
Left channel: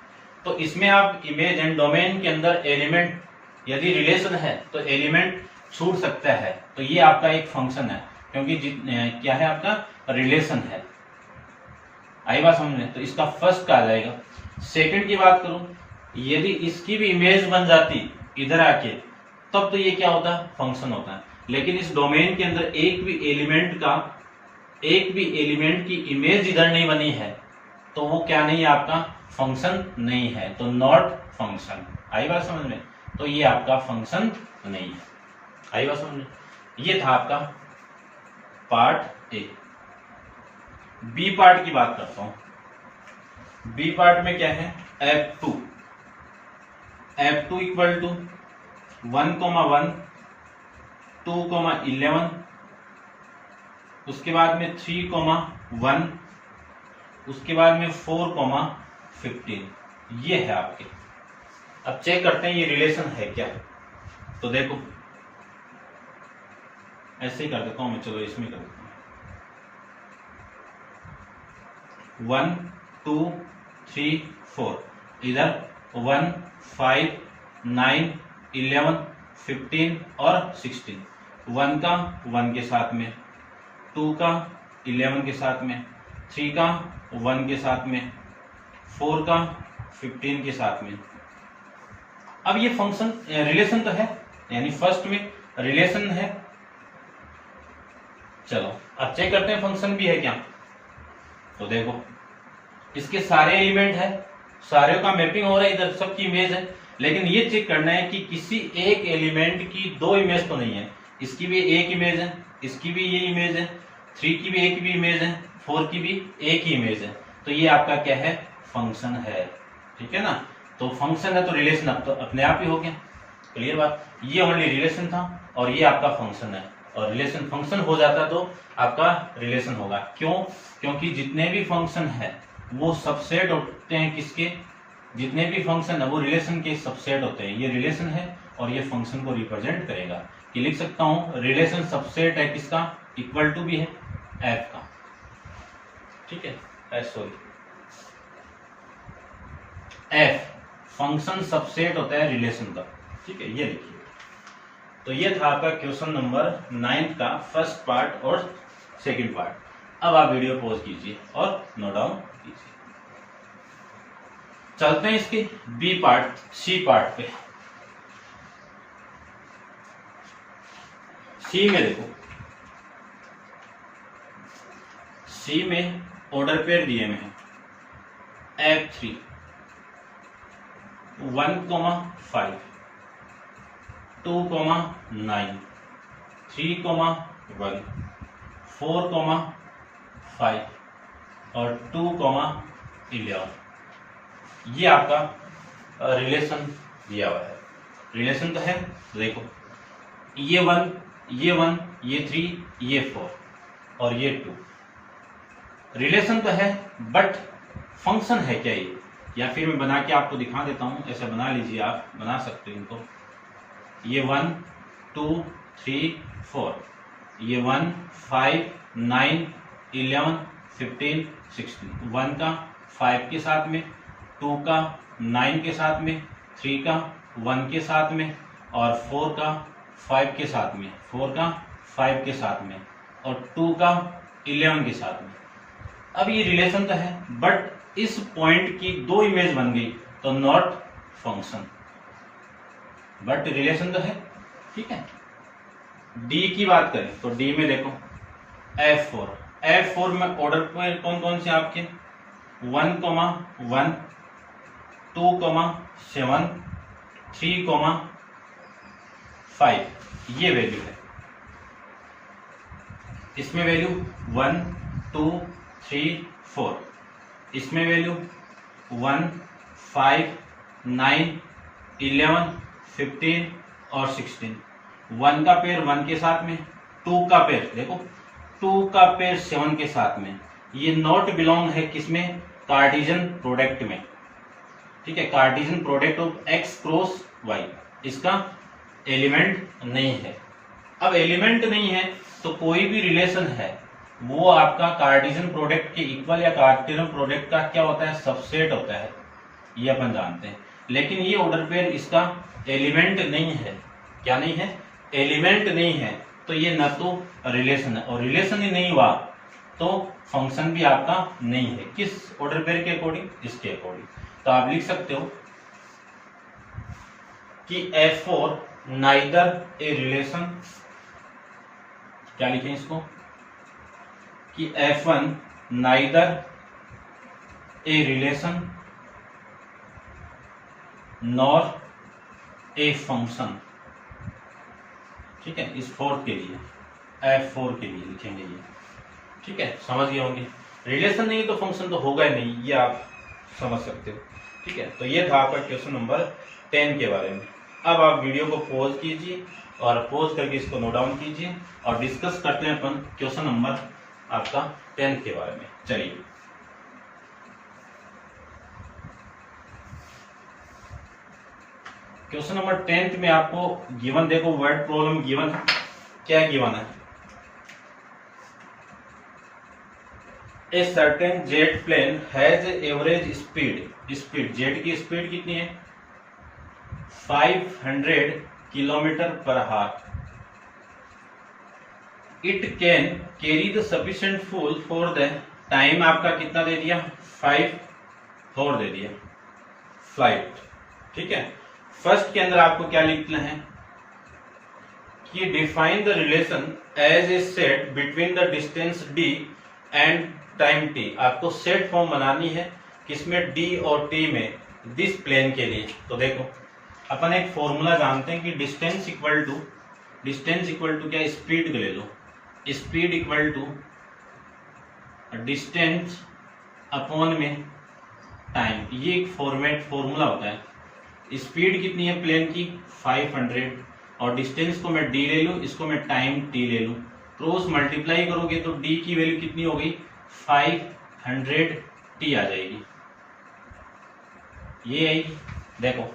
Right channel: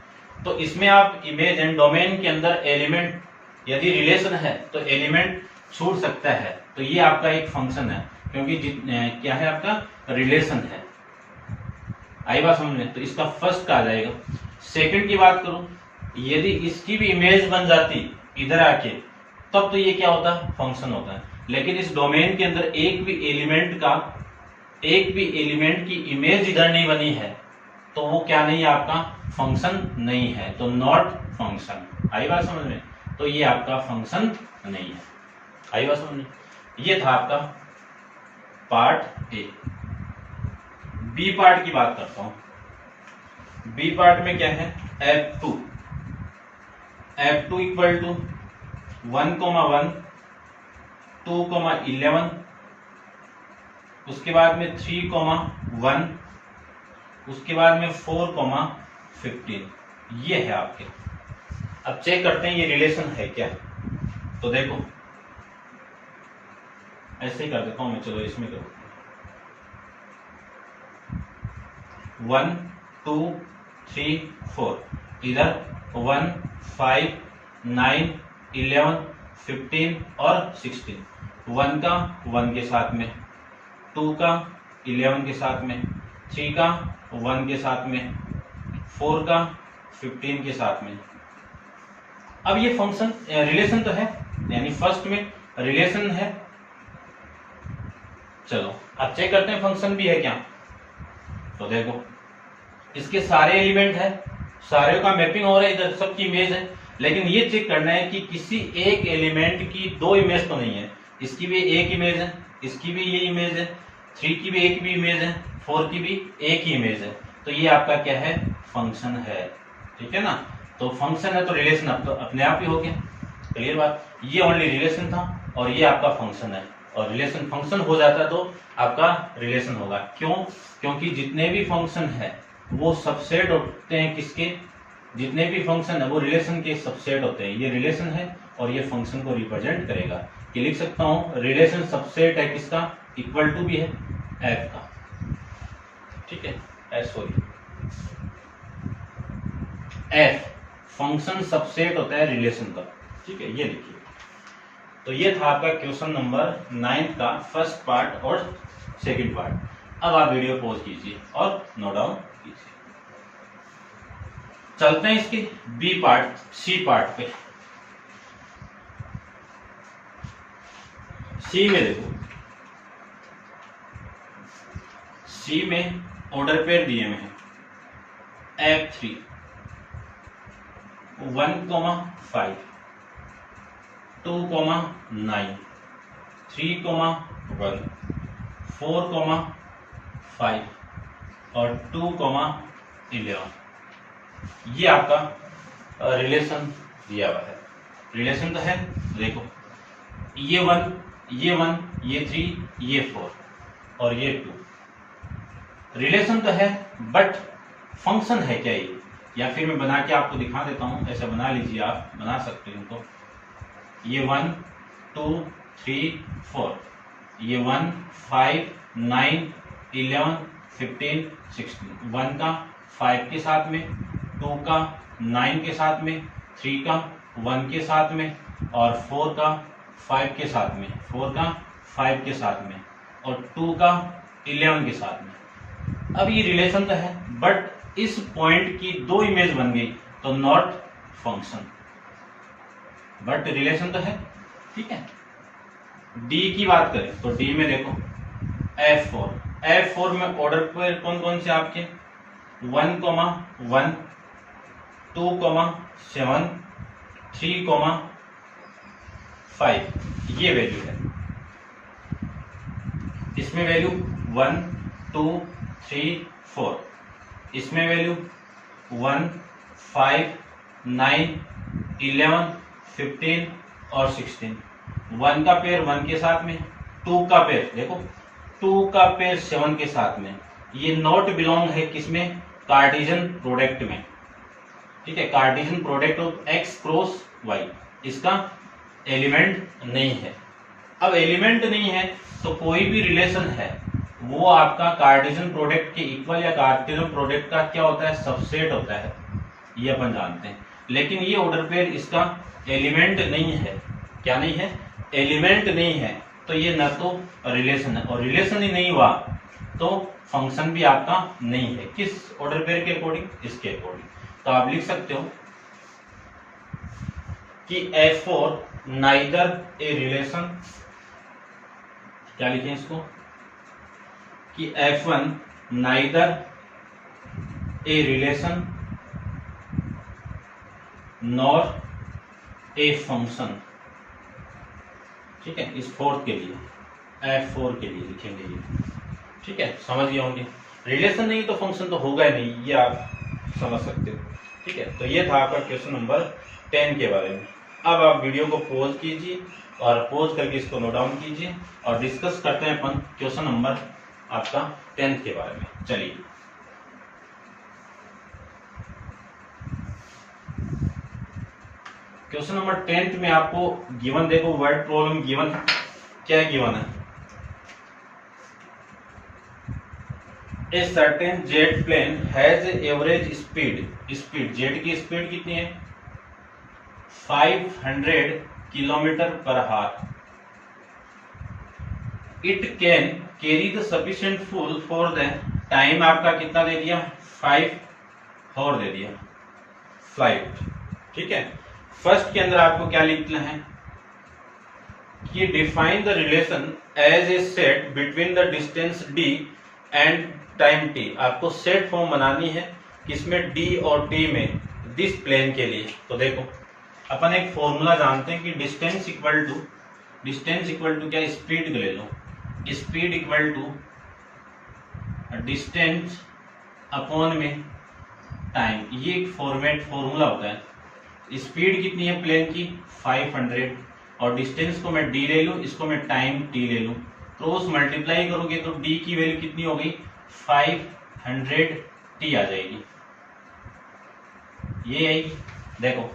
तो इसमें आप इमेज एंड डोमेन के अंदर एलिमेंट यदि रिलेशन है तो एलिमेंट छूट सकता है, तो ये आपका एक फंक्शन है, क्योंकि क्या है आपका रिलेशन है। आई बात समझ में? तो इसका फर्स्ट का आ जाएगा। सेकंड की बात करूं, यदि इसकी भी इमेज बन जाती इधर आके तब तो ये क्या होता है फंक्शन होता है, लेकिन इस डोमेन के अंदर एक भी एलिमेंट की इमेज इधर नहीं बनी है तो वो क्या नहीं है आपका फंक्शन नहीं है, तो नॉट फंक्शन। आई बात समझ में? तो ये आपका फंक्शन नहीं है। आई बात समझ में? ये था आपका पार्ट ए। बी पार्ट की बात करता हूं। बी पार्ट में क्या है F2 इक्वल टू 1,1, 2,11, उसके बाद में 3,1, उसके बाद में 4,15, ये है आपके। अब चेक करते हैं ये रिलेशन है क्या। तो देखो ऐसे ही कर देता हूं मैं, चलो इसमें करो 1, 2, 3, 4, इधर 1, 5, 9, 11, 15 और 16, 1 का 1 के साथ में, 2 का 11 के साथ में, 3 का 1 के साथ में, 4 का 15 के साथ में। अब ये फंक्शन रिलेशन तो है, यानी फर्स्ट में रिलेशन है। चलो अब चेक करते हैं फंक्शन भी है क्या। तो देखो इसके सारे एलिमेंट है, सारे का मैपिंग हो रहा है, इधर सबकी इमेज है, लेकिन ये चेक करना है कि किसी एक एलिमेंट की दो इमेज तो नहीं है। इसकी भी एक इमेज है, इसकी भी ये इमेज है, 3 की भी एक भी इमेज है, 4 की भी एक ही इमेज है, तो ये आपका क्या है फंक्शन है। ठीक है ना? तो फंक्शन है तो रिलेशन अब तो अपने आप ही हो गया। क्लियर बात? ये ओनली रिलेशन था और ये आपका फंक्शन है, और रिलेशन फंक्शन हो जाता तो आपका रिलेशन होगा। क्यों? क्योंकि जितने भी फंक्शन है वो सबसेट होते हैं किसके, जितने भी फंक्शन है वो रिलेशन के सबसेट होते हैं। ये रिलेशन है और ये फंक्शन को रिप्रेजेंट करेगा। कि लिख सकता हूं रिलेशन सबसेट है किसका, इक्वल टू भी है एफ का। ठीक है, सॉरी एफ फंक्शन सबसेट होता है रिलेशन का। ठीक है, ये लिखिए। तो ये था आपका क्वेश्चन नंबर 9 का फर्स्ट पार्ट और सेकंड पार्ट। अब आप वीडियो पॉज कीजिए और नोट डाउन कीजिए। चलते हैं इसके बी पार्ट सी पार्ट पे। सी में देखो, सी में ऑर्डर पेयर दिए हुए हैं F3 1,5, 2,9, 3,1, 4,5 और 2,11। ये आपका रिलेशन दिया हुआ है। रिलेशन तो है, देखो ये 1, ये 1, ये 3, ये 4 और ये 2। रिलेशन तो है बट फंक्शन है क्या ये, या फिर मैं बना के आपको दिखा देता हूं। ऐसे बना लीजिए, आप बना सकते हो इनको। ये 1, 2, 3, 4, ये 1, 5, 9, 11, 15, 16। 1 का 5 के साथ में, 2 का 9 के साथ में, 3 का 1 के साथ में और 4 का 5 के साथ में, 4 का 5 के साथ में और 2 का 11 के साथ में। अब ये रिलेशन तो है बट इस पॉइंट की दो इमेज बन गई तो नॉट फंक्शन, बट रिलेशन तो है। ठीक है, डी की बात करें तो डी में देखो F4 में ऑर्डर पे कौन कौन से आपके 1,1, 2,7, 3,5 ये वैल्यू है। इसमें वैल्यू 1, 2, 3, 4, इसमें वैल्यू 1, 5, 9, 11, 15 और 16। 1 का पेयर 1 के साथ में, 2 का पेयर देखो 2 का पेयर 7 के साथ में, ये नॉट बिलोंग है किसमें, कार्टेशियन प्रोडक्ट में, ठीक है, Cartesian product of x cross y, इसका एलिमेंट नहीं है। अब एलिमेंट नहीं है तो कोई भी रिलेशन है वो आपका कार्टेशियन प्रोडक्ट के इक्वल या कार्टेशियन प्रोडक्ट का क्या होता है, सबसेट होता है, ये अपन जानते हैं। लेकिन ये ऑर्डर पेयर इसका एलिमेंट नहीं है, क्या नहीं है, एलिमेंट नहीं है, तो ये न तो रिलेशन है, और रिलेशन ही नहीं हुआ तो फंक्शन भी आपका नहीं है। किस ऑर्डर पेयर के अकॉर्डिंग, इसके अकॉर्डिंग। तो आप लिख सकते हो कि F4 नाइदर ए रिलेशन, क्या लिखें इसको, कि F1 neither a relation nor a function, ठीक है, इस फोर्थ के लिए, F4 के लिए लिखेंगे ये, ठीक है, समझ गए होंगे। रिलेशन नहीं तो फंक्शन तो होगा ही नहीं, ये आप समझ सकते हो, ठीक है। तो ये था आपका क्वेश्चन नंबर 10 के बारे में। अब आप वीडियो को पॉज कीजिए और पॉज करके इसको नोट डाउन कीजिए और डिस्कस करते हैं अपन क्वेश्चन नंबर आपका 10 के बारे में। चलिए, क्वेश्चन नंबर 10 में आपको गिवन, देखो वर्ड प्रॉब्लम गिवन, क्या गिवन है, a certain jet plane has average speed jet की स्पीड कितनी है, 500 kilometre per hour, it can carry the sufficient fuel for the time, आपका कितना दे दिया, 5 और दे दिया फ्लाइट, ठीक है। फर्स्ट के अंदर आपको क्या लिखना है कि define the relation as a set between the distance d and time t, आपको सेट फॉर्म बनानी है किसमें, d और t में, दिस प्लेन के लिए। तो देखो अपन एक फॉर्मूला जानते हैं कि डिस्टेंस इक्वल टू क्या, स्पीड ले लो, speed equal to distance upon में टाइम, ये एक फॉर्मूला होता है। स्पीड कितनी है प्लेन की, 500, और डिस्टेंस को मैं d ले लूं, इसको मैं टाइम t ले लूं, क्रॉस मल्टीप्लाई करोगे तो d की वैल्यू कितनी हो गई, 500t आ जाएगी, ये आएगी। देखो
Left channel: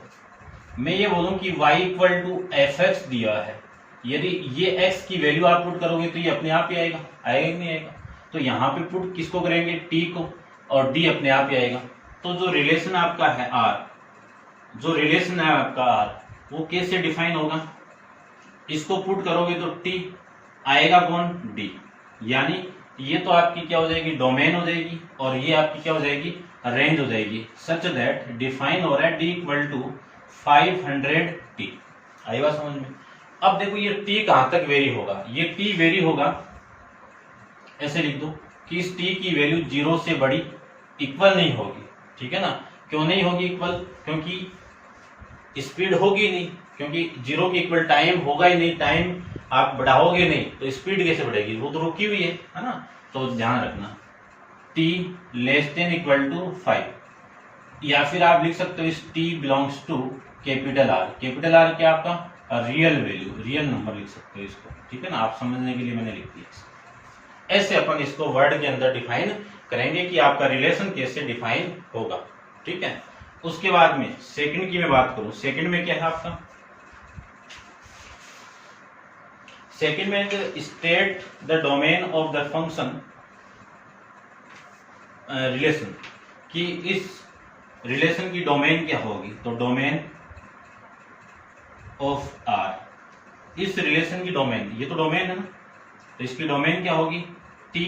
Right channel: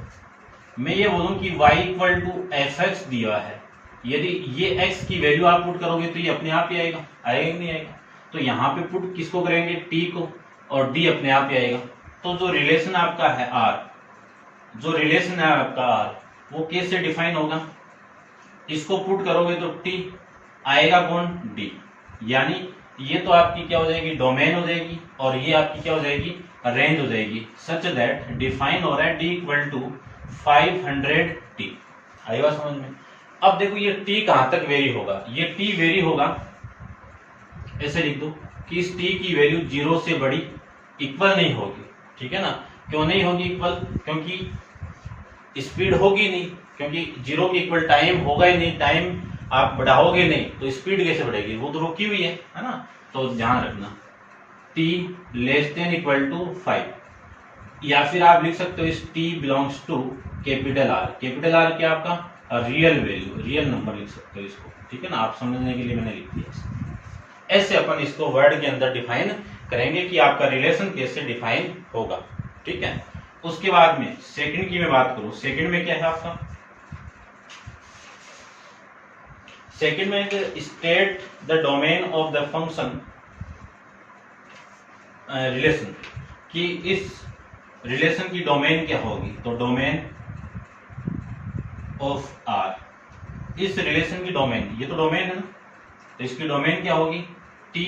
मैं ये बोलूं कि y इक्वल टू fx दिया है, यदि ये x की वैल्यू आप पुट करोगे तो ये अपने आप ही आएगा कि नहीं आएगा, तो यहाँ पे पुट किसको करेंगे, t को, और d अपने आप ही आएगा। तो जो रिलेशन आपका है r, जो रिलेशन है आपका r, वो कैसे डिफाइन होगा, इसको पुट करोगे तो t आएगा कौन, d, यानी ये तो आपकी क्या हो जाएगी, डोमेन हो जाएगी, और ये आपकी क्या हो जाएगी, रेंज हो जाएगी, सच दैट डिफाइन हो रहा है d इक्वल टू 500t। आई बात समझ में। अब देखो ये t कहां तक वेरी होगा, ये t वेरी होगा, ऐसे लिख दो कि इस t की वैल्यू 0 से बड़ी इक्वल नहीं होगी, ठीक है ना। क्यों नहीं होगी इक्वल, क्योंकि स्पीड होगी नहीं, क्योंकि 0 के इक्वल टाइम होगा ही नहीं, टाइम आप बढ़ाओगे नहीं तो स्पीड कैसे बढ़ेगी, वो तो रुकी हुई है ना। तो ध्यान रखना t less than equal to 5, या फिर आप लिख सकते हो इस t belongs to capital R, capital R क्या आपका रियल वैल्यू, रियल नंबर लिख सकते हो इसको, ठीक है ना, आप समझने के लिए मैंने लिख दिया। ऐसे अपन इसको वर्ड के अंदर डिफाइन करेंगे कि आपका रिलेशन कैसे डिफाइन होगा, ठीक है। उसके बाद में सेकंड की मैं बात करूं, सेकंड में क्या है आपका, सेकंड में state the domain of the function relation, कि इस रिलेशन की डोमेन क्या होगी, तो डोमेन ऑफ आर, इस रिलेशन की डोमेन, ये तो डोमेन है ना, तो इसकी डोमेन क्या होगी, टी,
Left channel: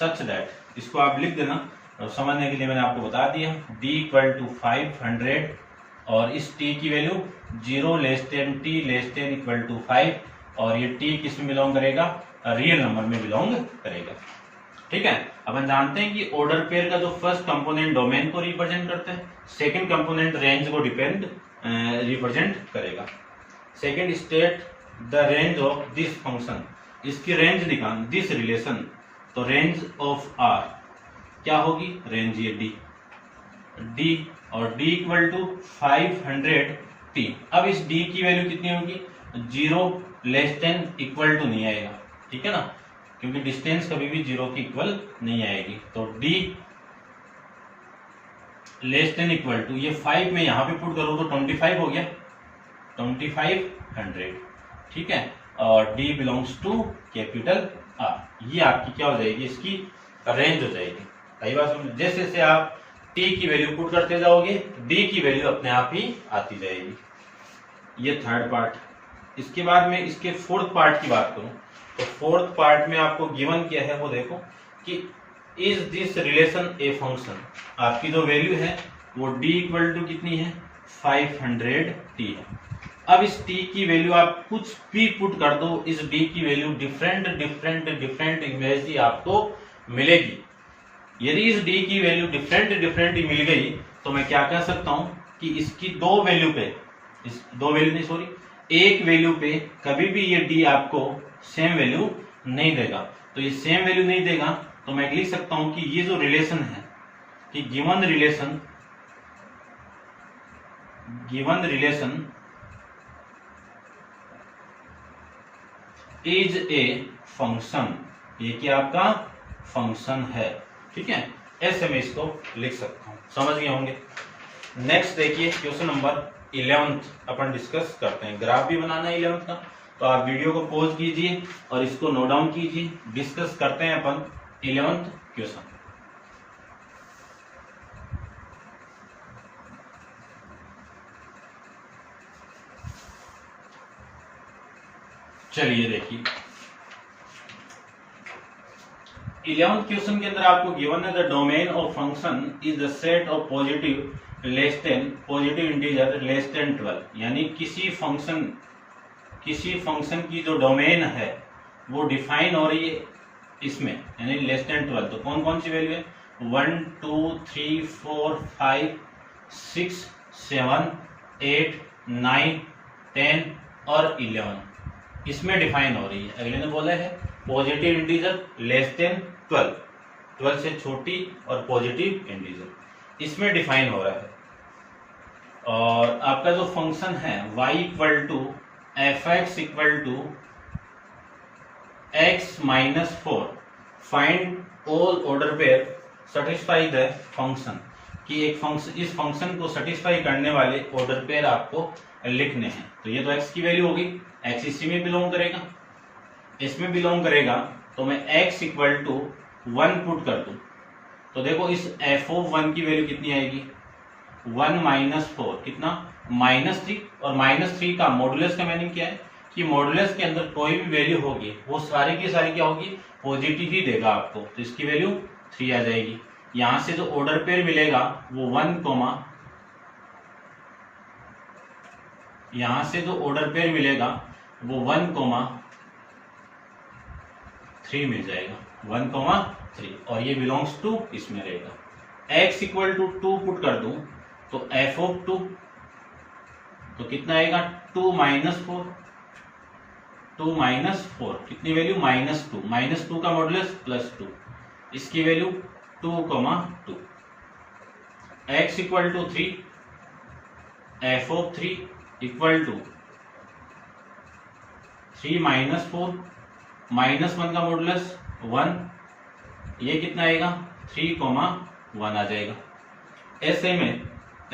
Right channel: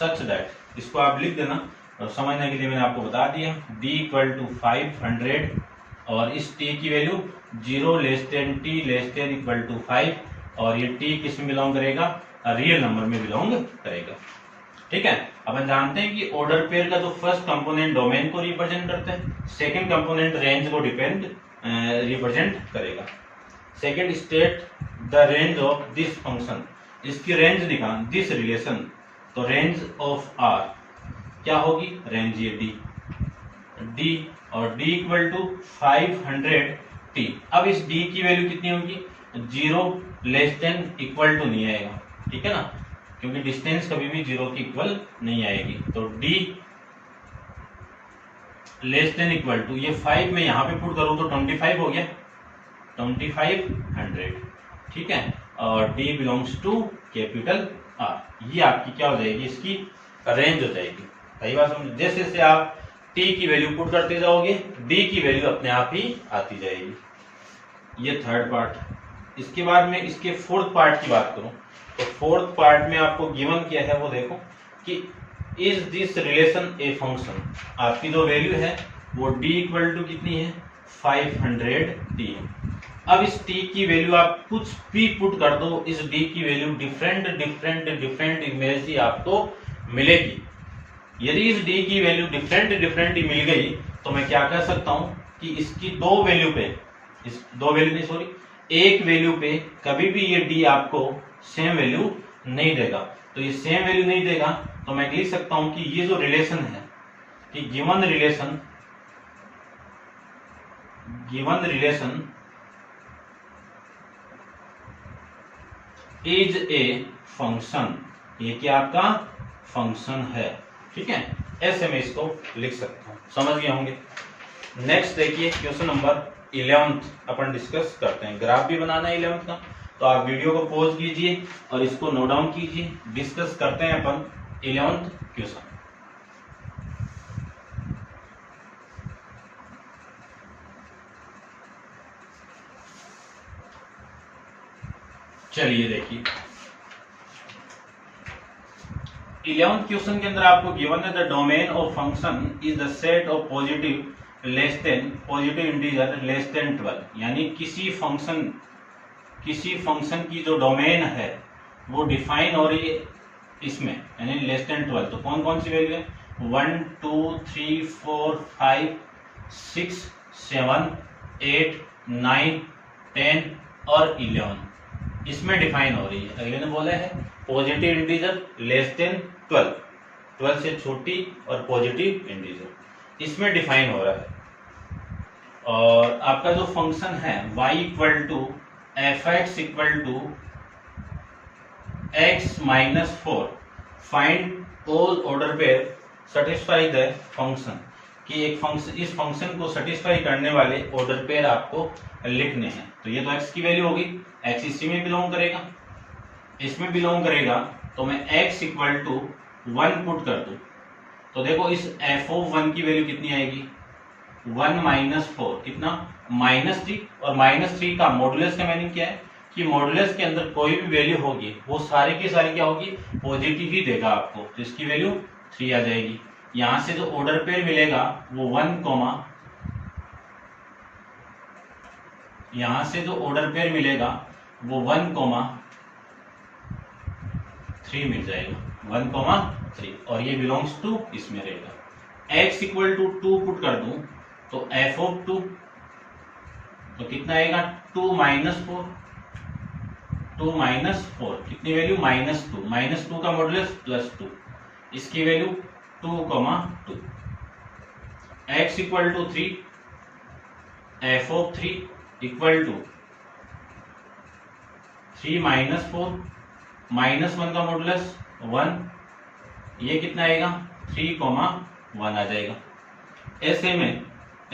सच दैट, इसको आप लिख देना, और समझने के लिए मैंने आपको बता दिया, d इक्वल टू 500, और इस t की value 0 less than t less than equal to 5, और ये t किस में बिलोंग करेगा, रियल नंबर में बिलोंग करेगा, ठीक है। अपन जानते हैं कि ऑर्डर पेयर का जो फर्स्ट कंपोनेंट डोमेन को रिप्रेजेंट करता है, सेकंड कंपोनेंट रेंज को रिप्रेजेंट करेगा। Second state the range of this function, इसकी रेंज निकाल, दिस रिलेशन, तो रेंज ऑफ आर क्या होगी, रेंज ये d, और d इक्वल टू 500t। अब इस d की वैल्यू कितनी होगी, 0 लेस देन इक्वल टू नहीं आएगा, ठीक है ना, क्योंकि डिस्टेंस कभी भी 0 के इक्वल नहीं आएगी। तो d less than equal to, ये 5 में यहाँ पे पुट करूँ तो 25 हो गया, 2500, ठीक है। और d belongs to capital R, ये आपकी क्या हो जाएगी, इसकी रेंज हो जाएगी। सही बात समझ। जैसे जैसे आप t की वैल्यू पुट करते जाओगे d की वैल्यू अपने आप ही आती जाएगी। ये थर्ड पार्ट। इसके बाद में इसके फोर्थ पार्ट की बात करूं तो फोर्थ पार्ट में आपको गिवन क्या है वो देखो कि is this relation a function. आपकी जो वैल्यू है वो d इक्वल टू कितनी है, 500t। अब इस t की वैल्यू आप कुछ भी पुट कर दो, इस d की वैल्यू डिफरेंट इमेज आपको मिलेगी। यदि इस d की वैल्यू डिफरेंट मिल गई तो मैं क्या कह सकता हूं कि इसकी दो वैल्यू पे, इस दो वैल्यू नहीं सॉरी एक वैल्यू पे कभी भी ये d आपको सेम वैल्यू नहीं देगा। तो ये सेम वैल्यू नहीं देगा तो मैं लिख सकता हूं कि ये जो रिलेशन है कि given relation is a function, ये क्या आपका फंक्शन है, ठीक है। ऐसे मैं इसको लिख सकता हूं, समझ गए होंगे। नेक्स्ट देखिए क्वेश्चन नंबर 11 अपन डिस्कस करते हैं। ग्राफ भी बनाना है 11 का, तो आप वीडियो को पॉज कीजिए और इसको नोट डाउन कीजिए। डिस्कस करते हैं अपन 11th क्वेश्चन। चलिए देखिए 11th क्वेश्चन के अंदर आपको गिवन है the domain of function is the set of positive integer less than 12। यानी किसी फंक्शन की जो डोमेन है वो डिफाइन हो रही है इसमें, यानी लेस देन 12। तो कौन कौन सी वैल्यू है, 1 2 3 4 5 6 7 8 9 10 और 11 इसमें डिफाइन हो रही है। अगले ने बोला है पॉजिटिव इंटीजर लेस देन 12 से छोटी और पॉजिटिव इंटीजर इसमें डिफाइन हो रहा है। और आपका जो फंक्शन है y equal to f x equal to x minus 4, find all order pair satisfy the function, कि एक फंक्शन, इस फंक्शन को सेटिस्फाई करने वाले ऑर्डर पेयर आपको लिखने हैं। तो ये तो x की वैल्यू होगी, x इसी में बिलोंग करेगा, इसमें बिलोंग करेगा। तो मैं x इक्वल टू 1 पुट कर दूं तो देखो इस f ऑफ 1 की वैल्यू कितनी आएगी, 1 माइनस 4 कितना, -3। और -3 का मॉडुलस का मीनिंग क्या है कि मॉडुलस के अंदर कोई भी वैल्यू होगी वो सारी की सारी क्या होगी, पॉजिटिव ही देगा आपको। तो इसकी वैल्यू 3 आ जाएगी। यहां से जो ऑर्डर पेयर मिलेगा वो 1, यहां से जो ऑर्डर पेयर मिलेगा वो 1,3 मिल जाएगा, 1,3। और ये बिलोंग्स टू इसमें रहेगा। x इक्वल टू 2 पुट कर दूं तो f ऑफ 2 तो कितना आएगा, 2 माइनस 4 कितनी वैल्यू, -2 का मॉडुलस +2, इसकी value 2,2। x equal to 3, f of 3 equal to 3 minus 4, -1 का मॉडुलस 1, ये कितना आएगा 3,1 आ जाएगा। ऐसे में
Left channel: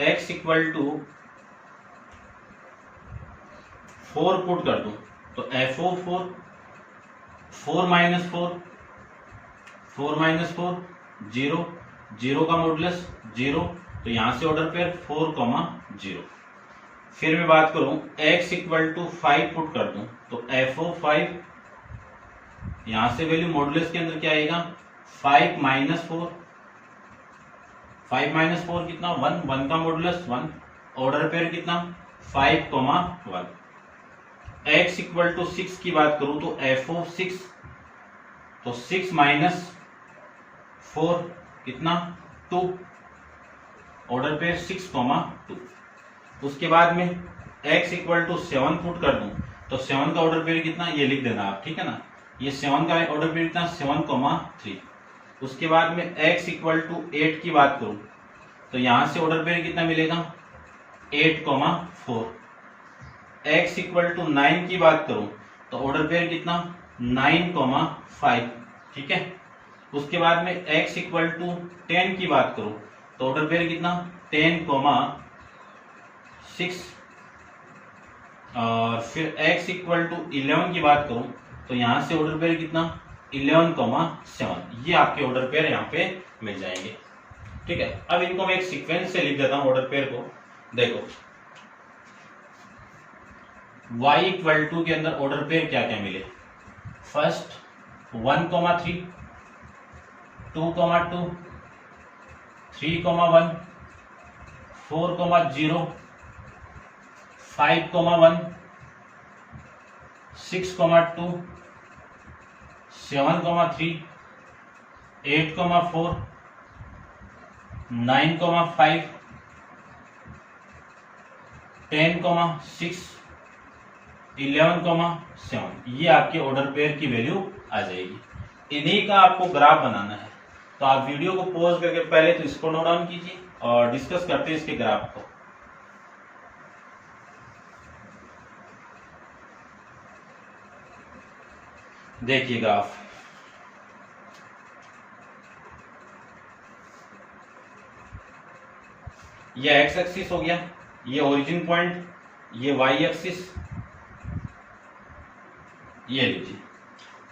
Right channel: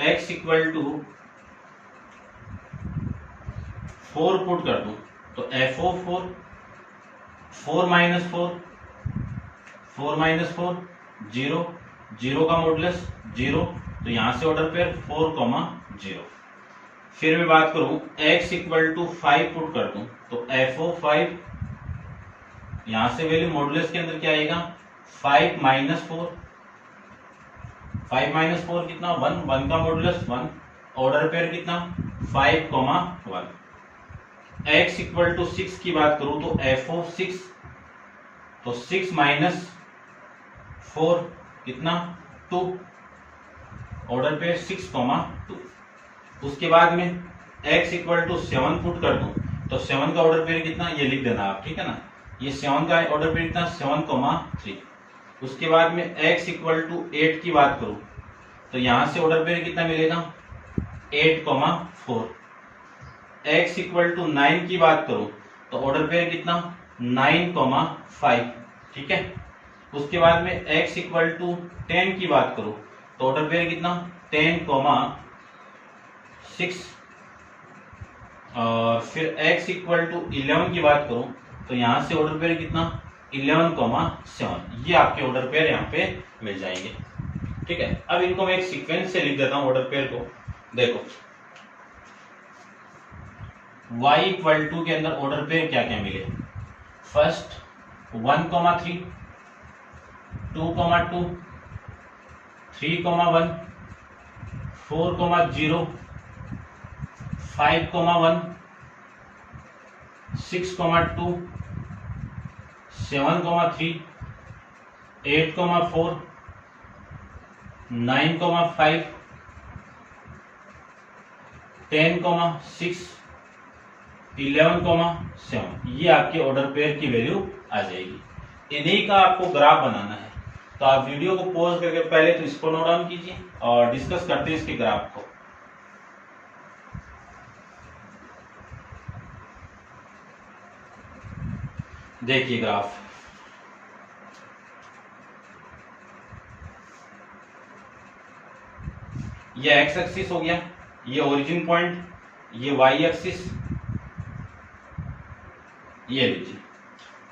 x इक्वल टू 4 पुट कर दूं तो f ऑफ 4 माइनस 4 0, 0 का मॉडुलस 0, तो यहां से ऑर्डर पेयर 4,0। फिर मैं बात करूं x इक्वल टू 5 पुट कर दूं तो f ऑफ 5, यहां से वैल्यू मॉडुलस के अंदर क्या आएगा, 5 माइनस 4 कितना, 1 का मॉडुलस 1, ऑर्डर पेयर कितना 5,1। x इक्वल टू 6 की बात करूं तो f ऑफ 6, तो 6 माइनस 4 कितना 2, ऑर्डर पेयर 6,2। उसके बाद में x इक्वल टू 7 पुट कर दूं तो 7 का ऑर्डर पेयर कितना, ये लिख देना आप, ठीक है ना। ये 7 का ऑर्डर पेयर कितना, 7,3। उसके बाद में x इक्वल टू 8 की बात करूं तो यहां से ऑर्डर पेयर कितना मिलेगा, 8,4। x इक्वल टू 9 की बात करूं तो ऑर्डर पेयर कितना 9,5, ठीक है। उसके बाद में x इक्वल टू 10 की बात करूं तो ऑर्डर पेयर कितना 10,6, और फिर x इक्वल टू 11 की बात करूं तो यहां से ऑर्डर पेयर कितना 11,7। ये आपके ऑर्डर पेयर यहाँ पे मिल जाएंगे, ठीक है। अब इनको मैं एक सीक्वेंस से लिख देता हूं ऑर्डर पेयर को। देखो y इक्वल टू के अंदर ऑर्डर पेयर क्या क्या मिले। फर्स्ट 1,3, 2,2, 3,1, 4,0, 5,1, 6,2, 7,3, 8,4, 9,5, 10,6, 11,7। ये आपके ऑर्डर पेयर की वैल्यू आ जाएगी। इन्हीं का आपको ग्राफ बनाना है, तो आप वीडियो को पॉज करके पहले तो इसको नोट डाउन कीजिए और डिस्कस करते हैं इसके ग्राफ को। देखिए ग्राफ, ये एक्स एक्सिस हो गया, ये ओरिजिन पॉइंट, ये वाई एक्सिस, ये लीजिए।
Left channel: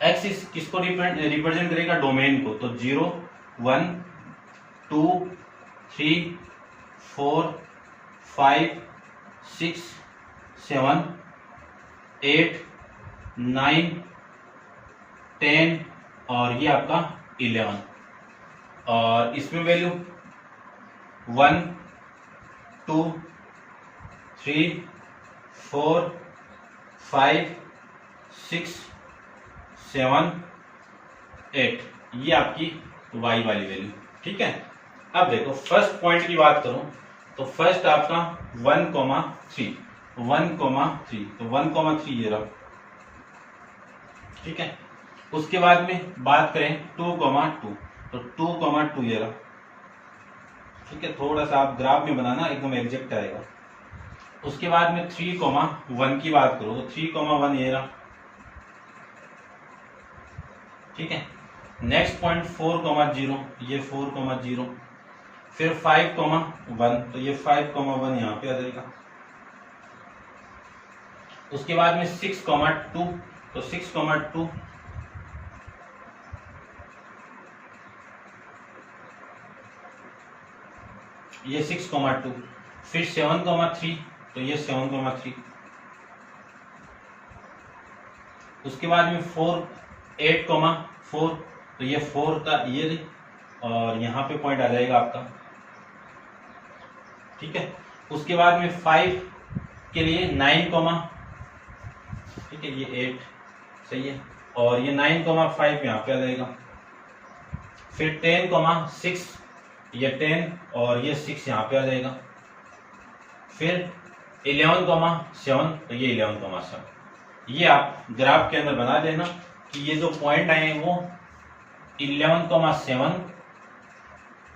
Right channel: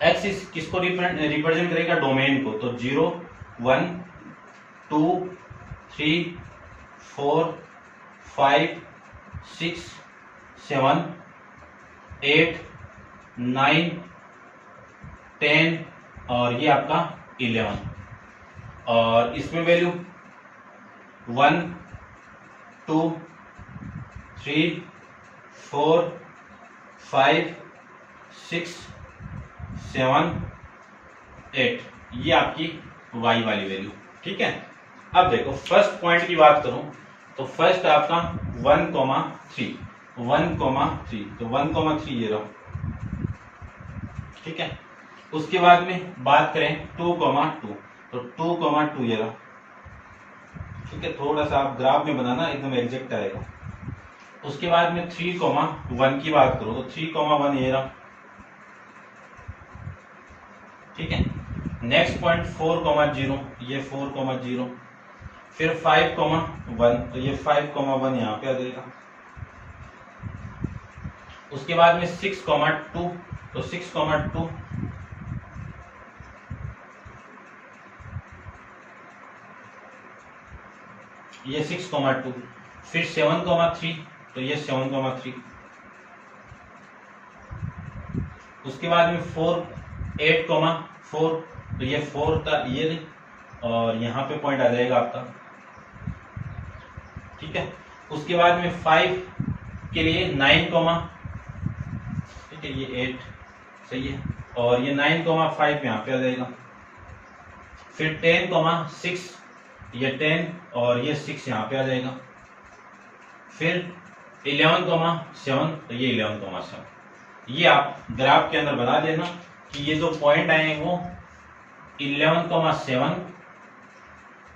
एक्सिस किसको रिप्रेजेंट करेगा डोमेन को, तो 0, 1, 2, 3, 4, 5, 6, 7, 8, 9, 10 और ये आपका 11, और इसमें वैल्यू 1, 2, 3, 4, 5, 6, 7, 8, ये आपकी y वाली वैल्यू, ठीक है। अब देखो फर्स्ट पॉइंट की बात करूं तो फर्स्ट आपका 1,3, 1,3, तो 1,3 ये रहा, ठीक है। उसके बाद में बात करें 2,2, तो 2,2 ये रहा, ठीक है। थोड़ा सा आप ग्राफ में बनाना एकदम एग्जैक्ट आएगा। उसके बाद में 3,1 की बात करो तो 3,1 ये रहा, ठीक है। नेक्स्ट पॉइंट 4,0, ये 4,0, फिर 5,1, तो ये 5,1 यहाँ पे आ जाएगा। उसके बाद में 6,2, तो 6,2, ये 6,2, फिर 7,3, तो ये 7,3। उसके बाद में 8,4, तो ये 4 का ये, और यहाँ पे पॉइंट आ जाएगा आपका, ठीक है। उसके बाद में 5 के लिए 9, ठीक है, ये 8 सही है, और ये 9,5 यहाँ पे आ जाएगा। फिर 10,6, ये 10 और ये 6 यहाँ पे आ जाएगा। फिर 11,7, तो ये 11,7। ये आप ग्राफ के अंदर बना देना कि ये जो पॉइंट आए हैं वो 11,7,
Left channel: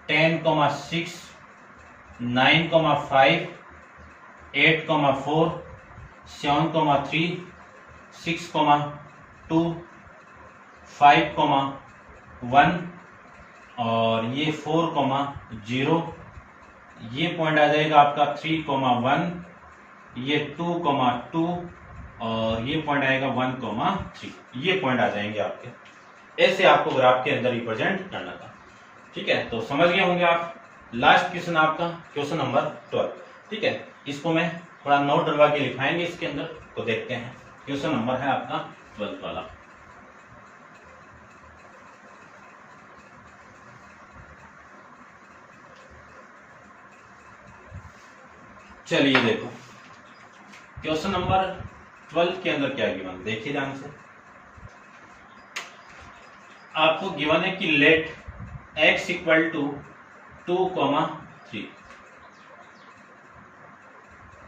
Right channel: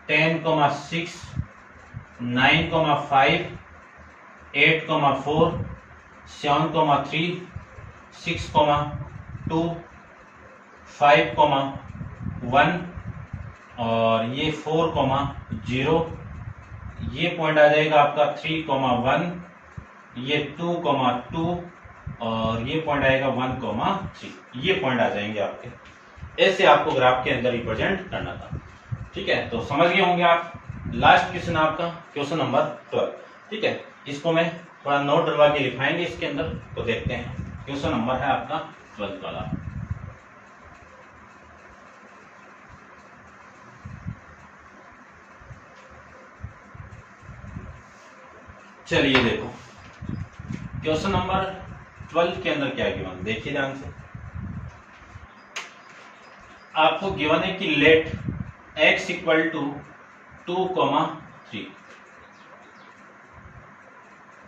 10,6, 9,5, 8,4, 7,3, 6,2, 5,1 और ये 4,0, ये पॉइंट आ जाएगा आपका 3,1, ये 2,2 और ये पॉइंट आएगा 1,3। ये पॉइंट आ जाएंगे आपके। ऐसे आपको ग्राफ के अंदर रिप्रेजेंट करना था, ठीक है। तो समझ गए होंगे आप। लास्ट क्वेश्चन आपका क्वेश्चन नंबर 12, ठीक है। इसको मैं थोड़ा नोट डलवा के लिखाएंगे इसके अंदर, तो देखते हैं। क्वेश्चन नंबर है आपका 12 वाला। चलिए देखो क्वेश्चन नंबर 12 के अंदर क्या गिवन, देखिए ध्यान से। आपको गिवन है कि लेट x इक्वल टू 2,3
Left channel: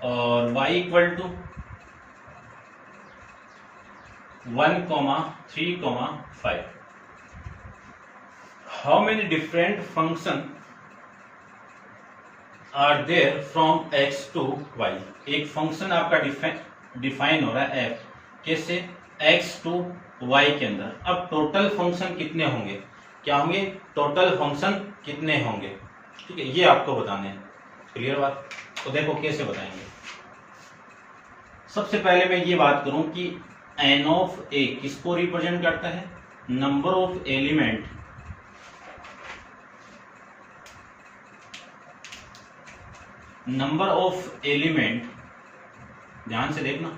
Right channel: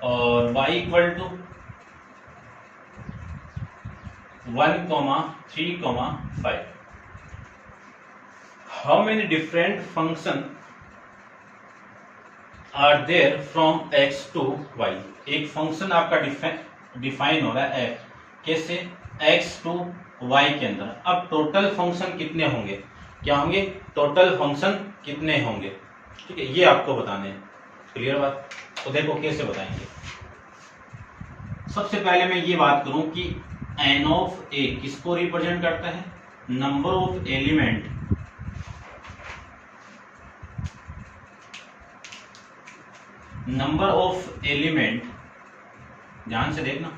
और y equal to 1,3,5। How many different function are there from x to y। एक फंक्शन आपका डिफाइन हो रहा है f, कैसे, एक्स टू वाई के अंदर। अब टोटल फंक्शन कितने होंगे, क्या होंगे, टोटल फंक्शन कितने होंगे, ठीक है, ये आपको बताने हैं। क्लियर बात। तो देखो कैसे बताएंगे। सबसे पहले मैं ये बात करूं कि एन ऑफ ए किसको रिप्रेजेंट करता है, number of element, number of element, ध्यान से देखना,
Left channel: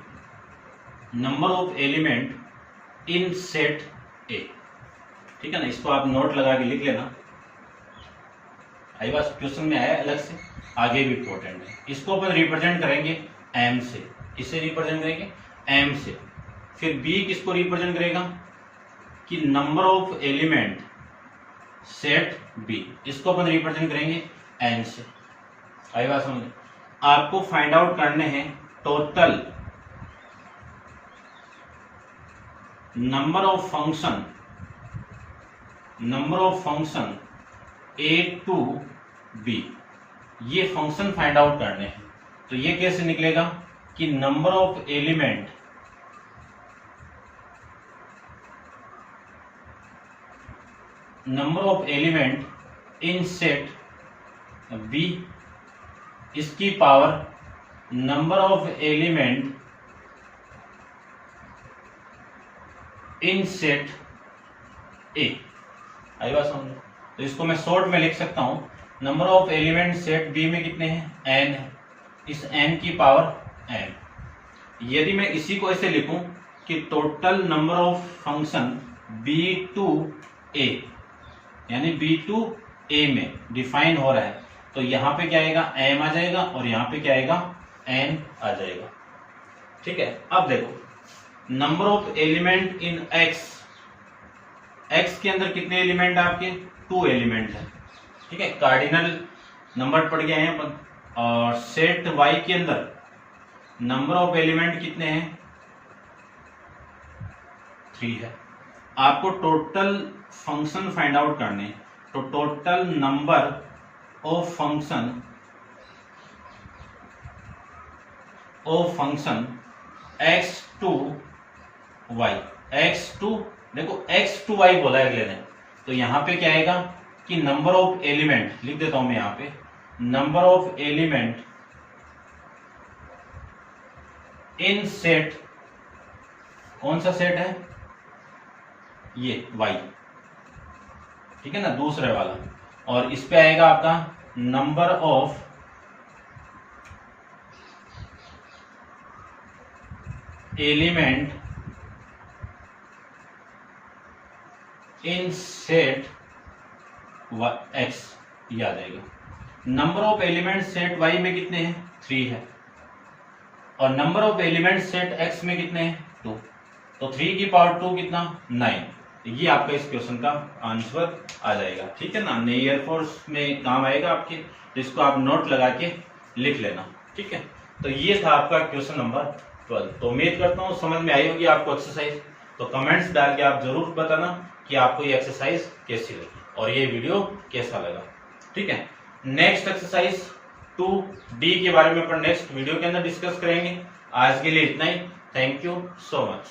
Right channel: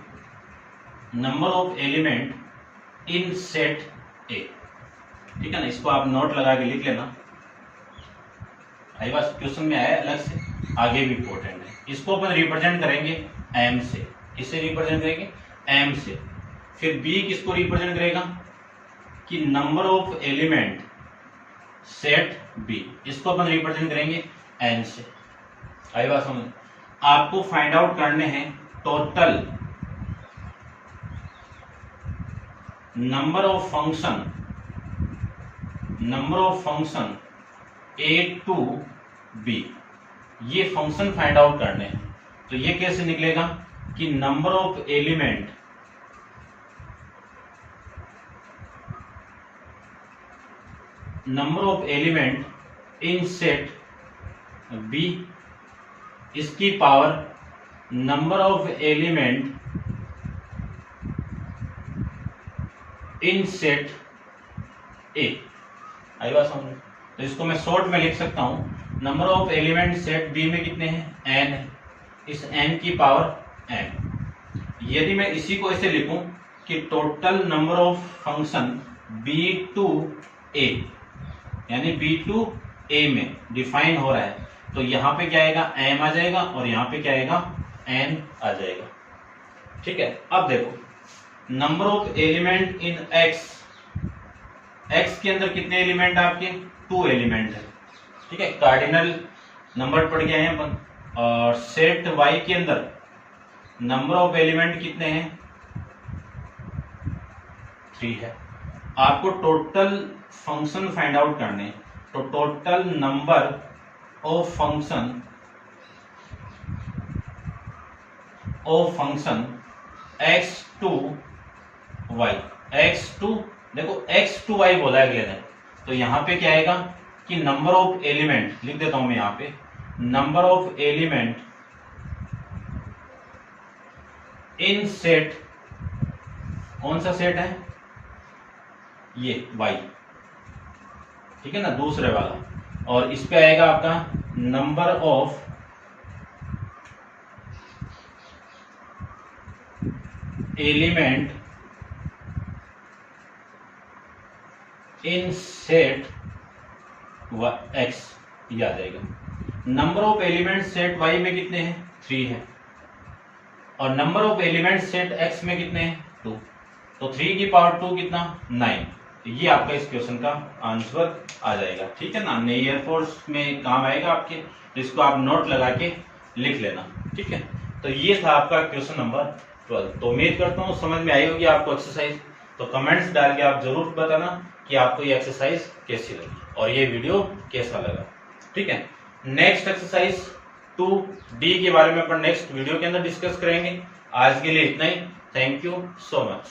number of element in set ए, ठीक है ना। इसको आप नोट लगा के लिख लेना, आई बात क्वेश्चन में आया अलग से, आगे भी इंपॉर्टेंट है। इसको अपन रिप्रेजेंट करेंगे एम से, इसे रिप्रेजेंट करेंगे एम से। फिर बी किसको रिप्रेजेंट करेगा कि number of element set B, इसको अपन रिप्रेजेंट करेंगे एन से। आई बात समझ। आपको फाइंड आउट करने हैं total number of function, number of function A to B, ये फंक्शन फाइंड आउट करने हैं। तो ये कैसे निकलेगा कि number of element, number of element in set B, इसकी power number of element in set A. आई बात समझ। तो इसको मैं शॉर्ट में लिख सकता हूं, number of element set B में कितने हैं, एन है, इस एन की पावर एन। यदि मैं इसी को ऐसे लिखूं कि total number of function B to A, यानी बी टू ए में डिफाइन हो रहा है, तो यहां पे क्या आएगा, एम आ जाएगा, और यहां पे क्या आएगा, एन आ जाएगा, ठीक है। अब देखो number of element in x, x के अंदर कितने एलिमेंट आपके, 2 एलिमेंट है, ठीक है, कार्डिनल नंबर पड़ गए हैं अपन। और सेट वाई के अंदर नंबर ऑफ एलिमेंट कितने हैं, 3 है। आपको टोटल फंक्शन फाइंड आउट करने हैं, तो total number of function x to y, x to, देखो एक्स टू वाई बोला है अगले दिन, तो यहां पे क्या आएगा कि नंबर ऑफ एलिमेंट, लिख देता हूं मैं यहां पे, number of element in set, कौन सा सेट है, ये y, ठीक है ना, दूसरे वाला। और इस पे आएगा आपका number of element in set x, ये आ जाएगा। Number of element set y में कितने हैं, 3 है, और number of element set x में कितने हैं, 2, तो 3 की पावर 2 कितना, 9। ये आपका इस क्वेश्चन का आंसर आ जाएगा, ठीक है ना। नई एयरफोर्स में काम आएगा आपके, तो इसको आप नोट लगा के लिख लेना, ठीक है। तो ये था आपका क्वेश्चन नंबर 12। तो उम्मीद करता हूँ समझ में आई होगी आपको एक्सरसाइज। तो कमेंट्स डाल के आप जरूर बताना कि आपको ये एक्सरसाइज कैसी लगी और ये वीडियो कैसा लगा, ठीक है। नेक्स्ट एक्सरसाइज 2D के बारे में अपन नेक्स्ट वीडियो के अंदर डिस्कस करेंगे। आज के लिए इतना ही। Thank you so much.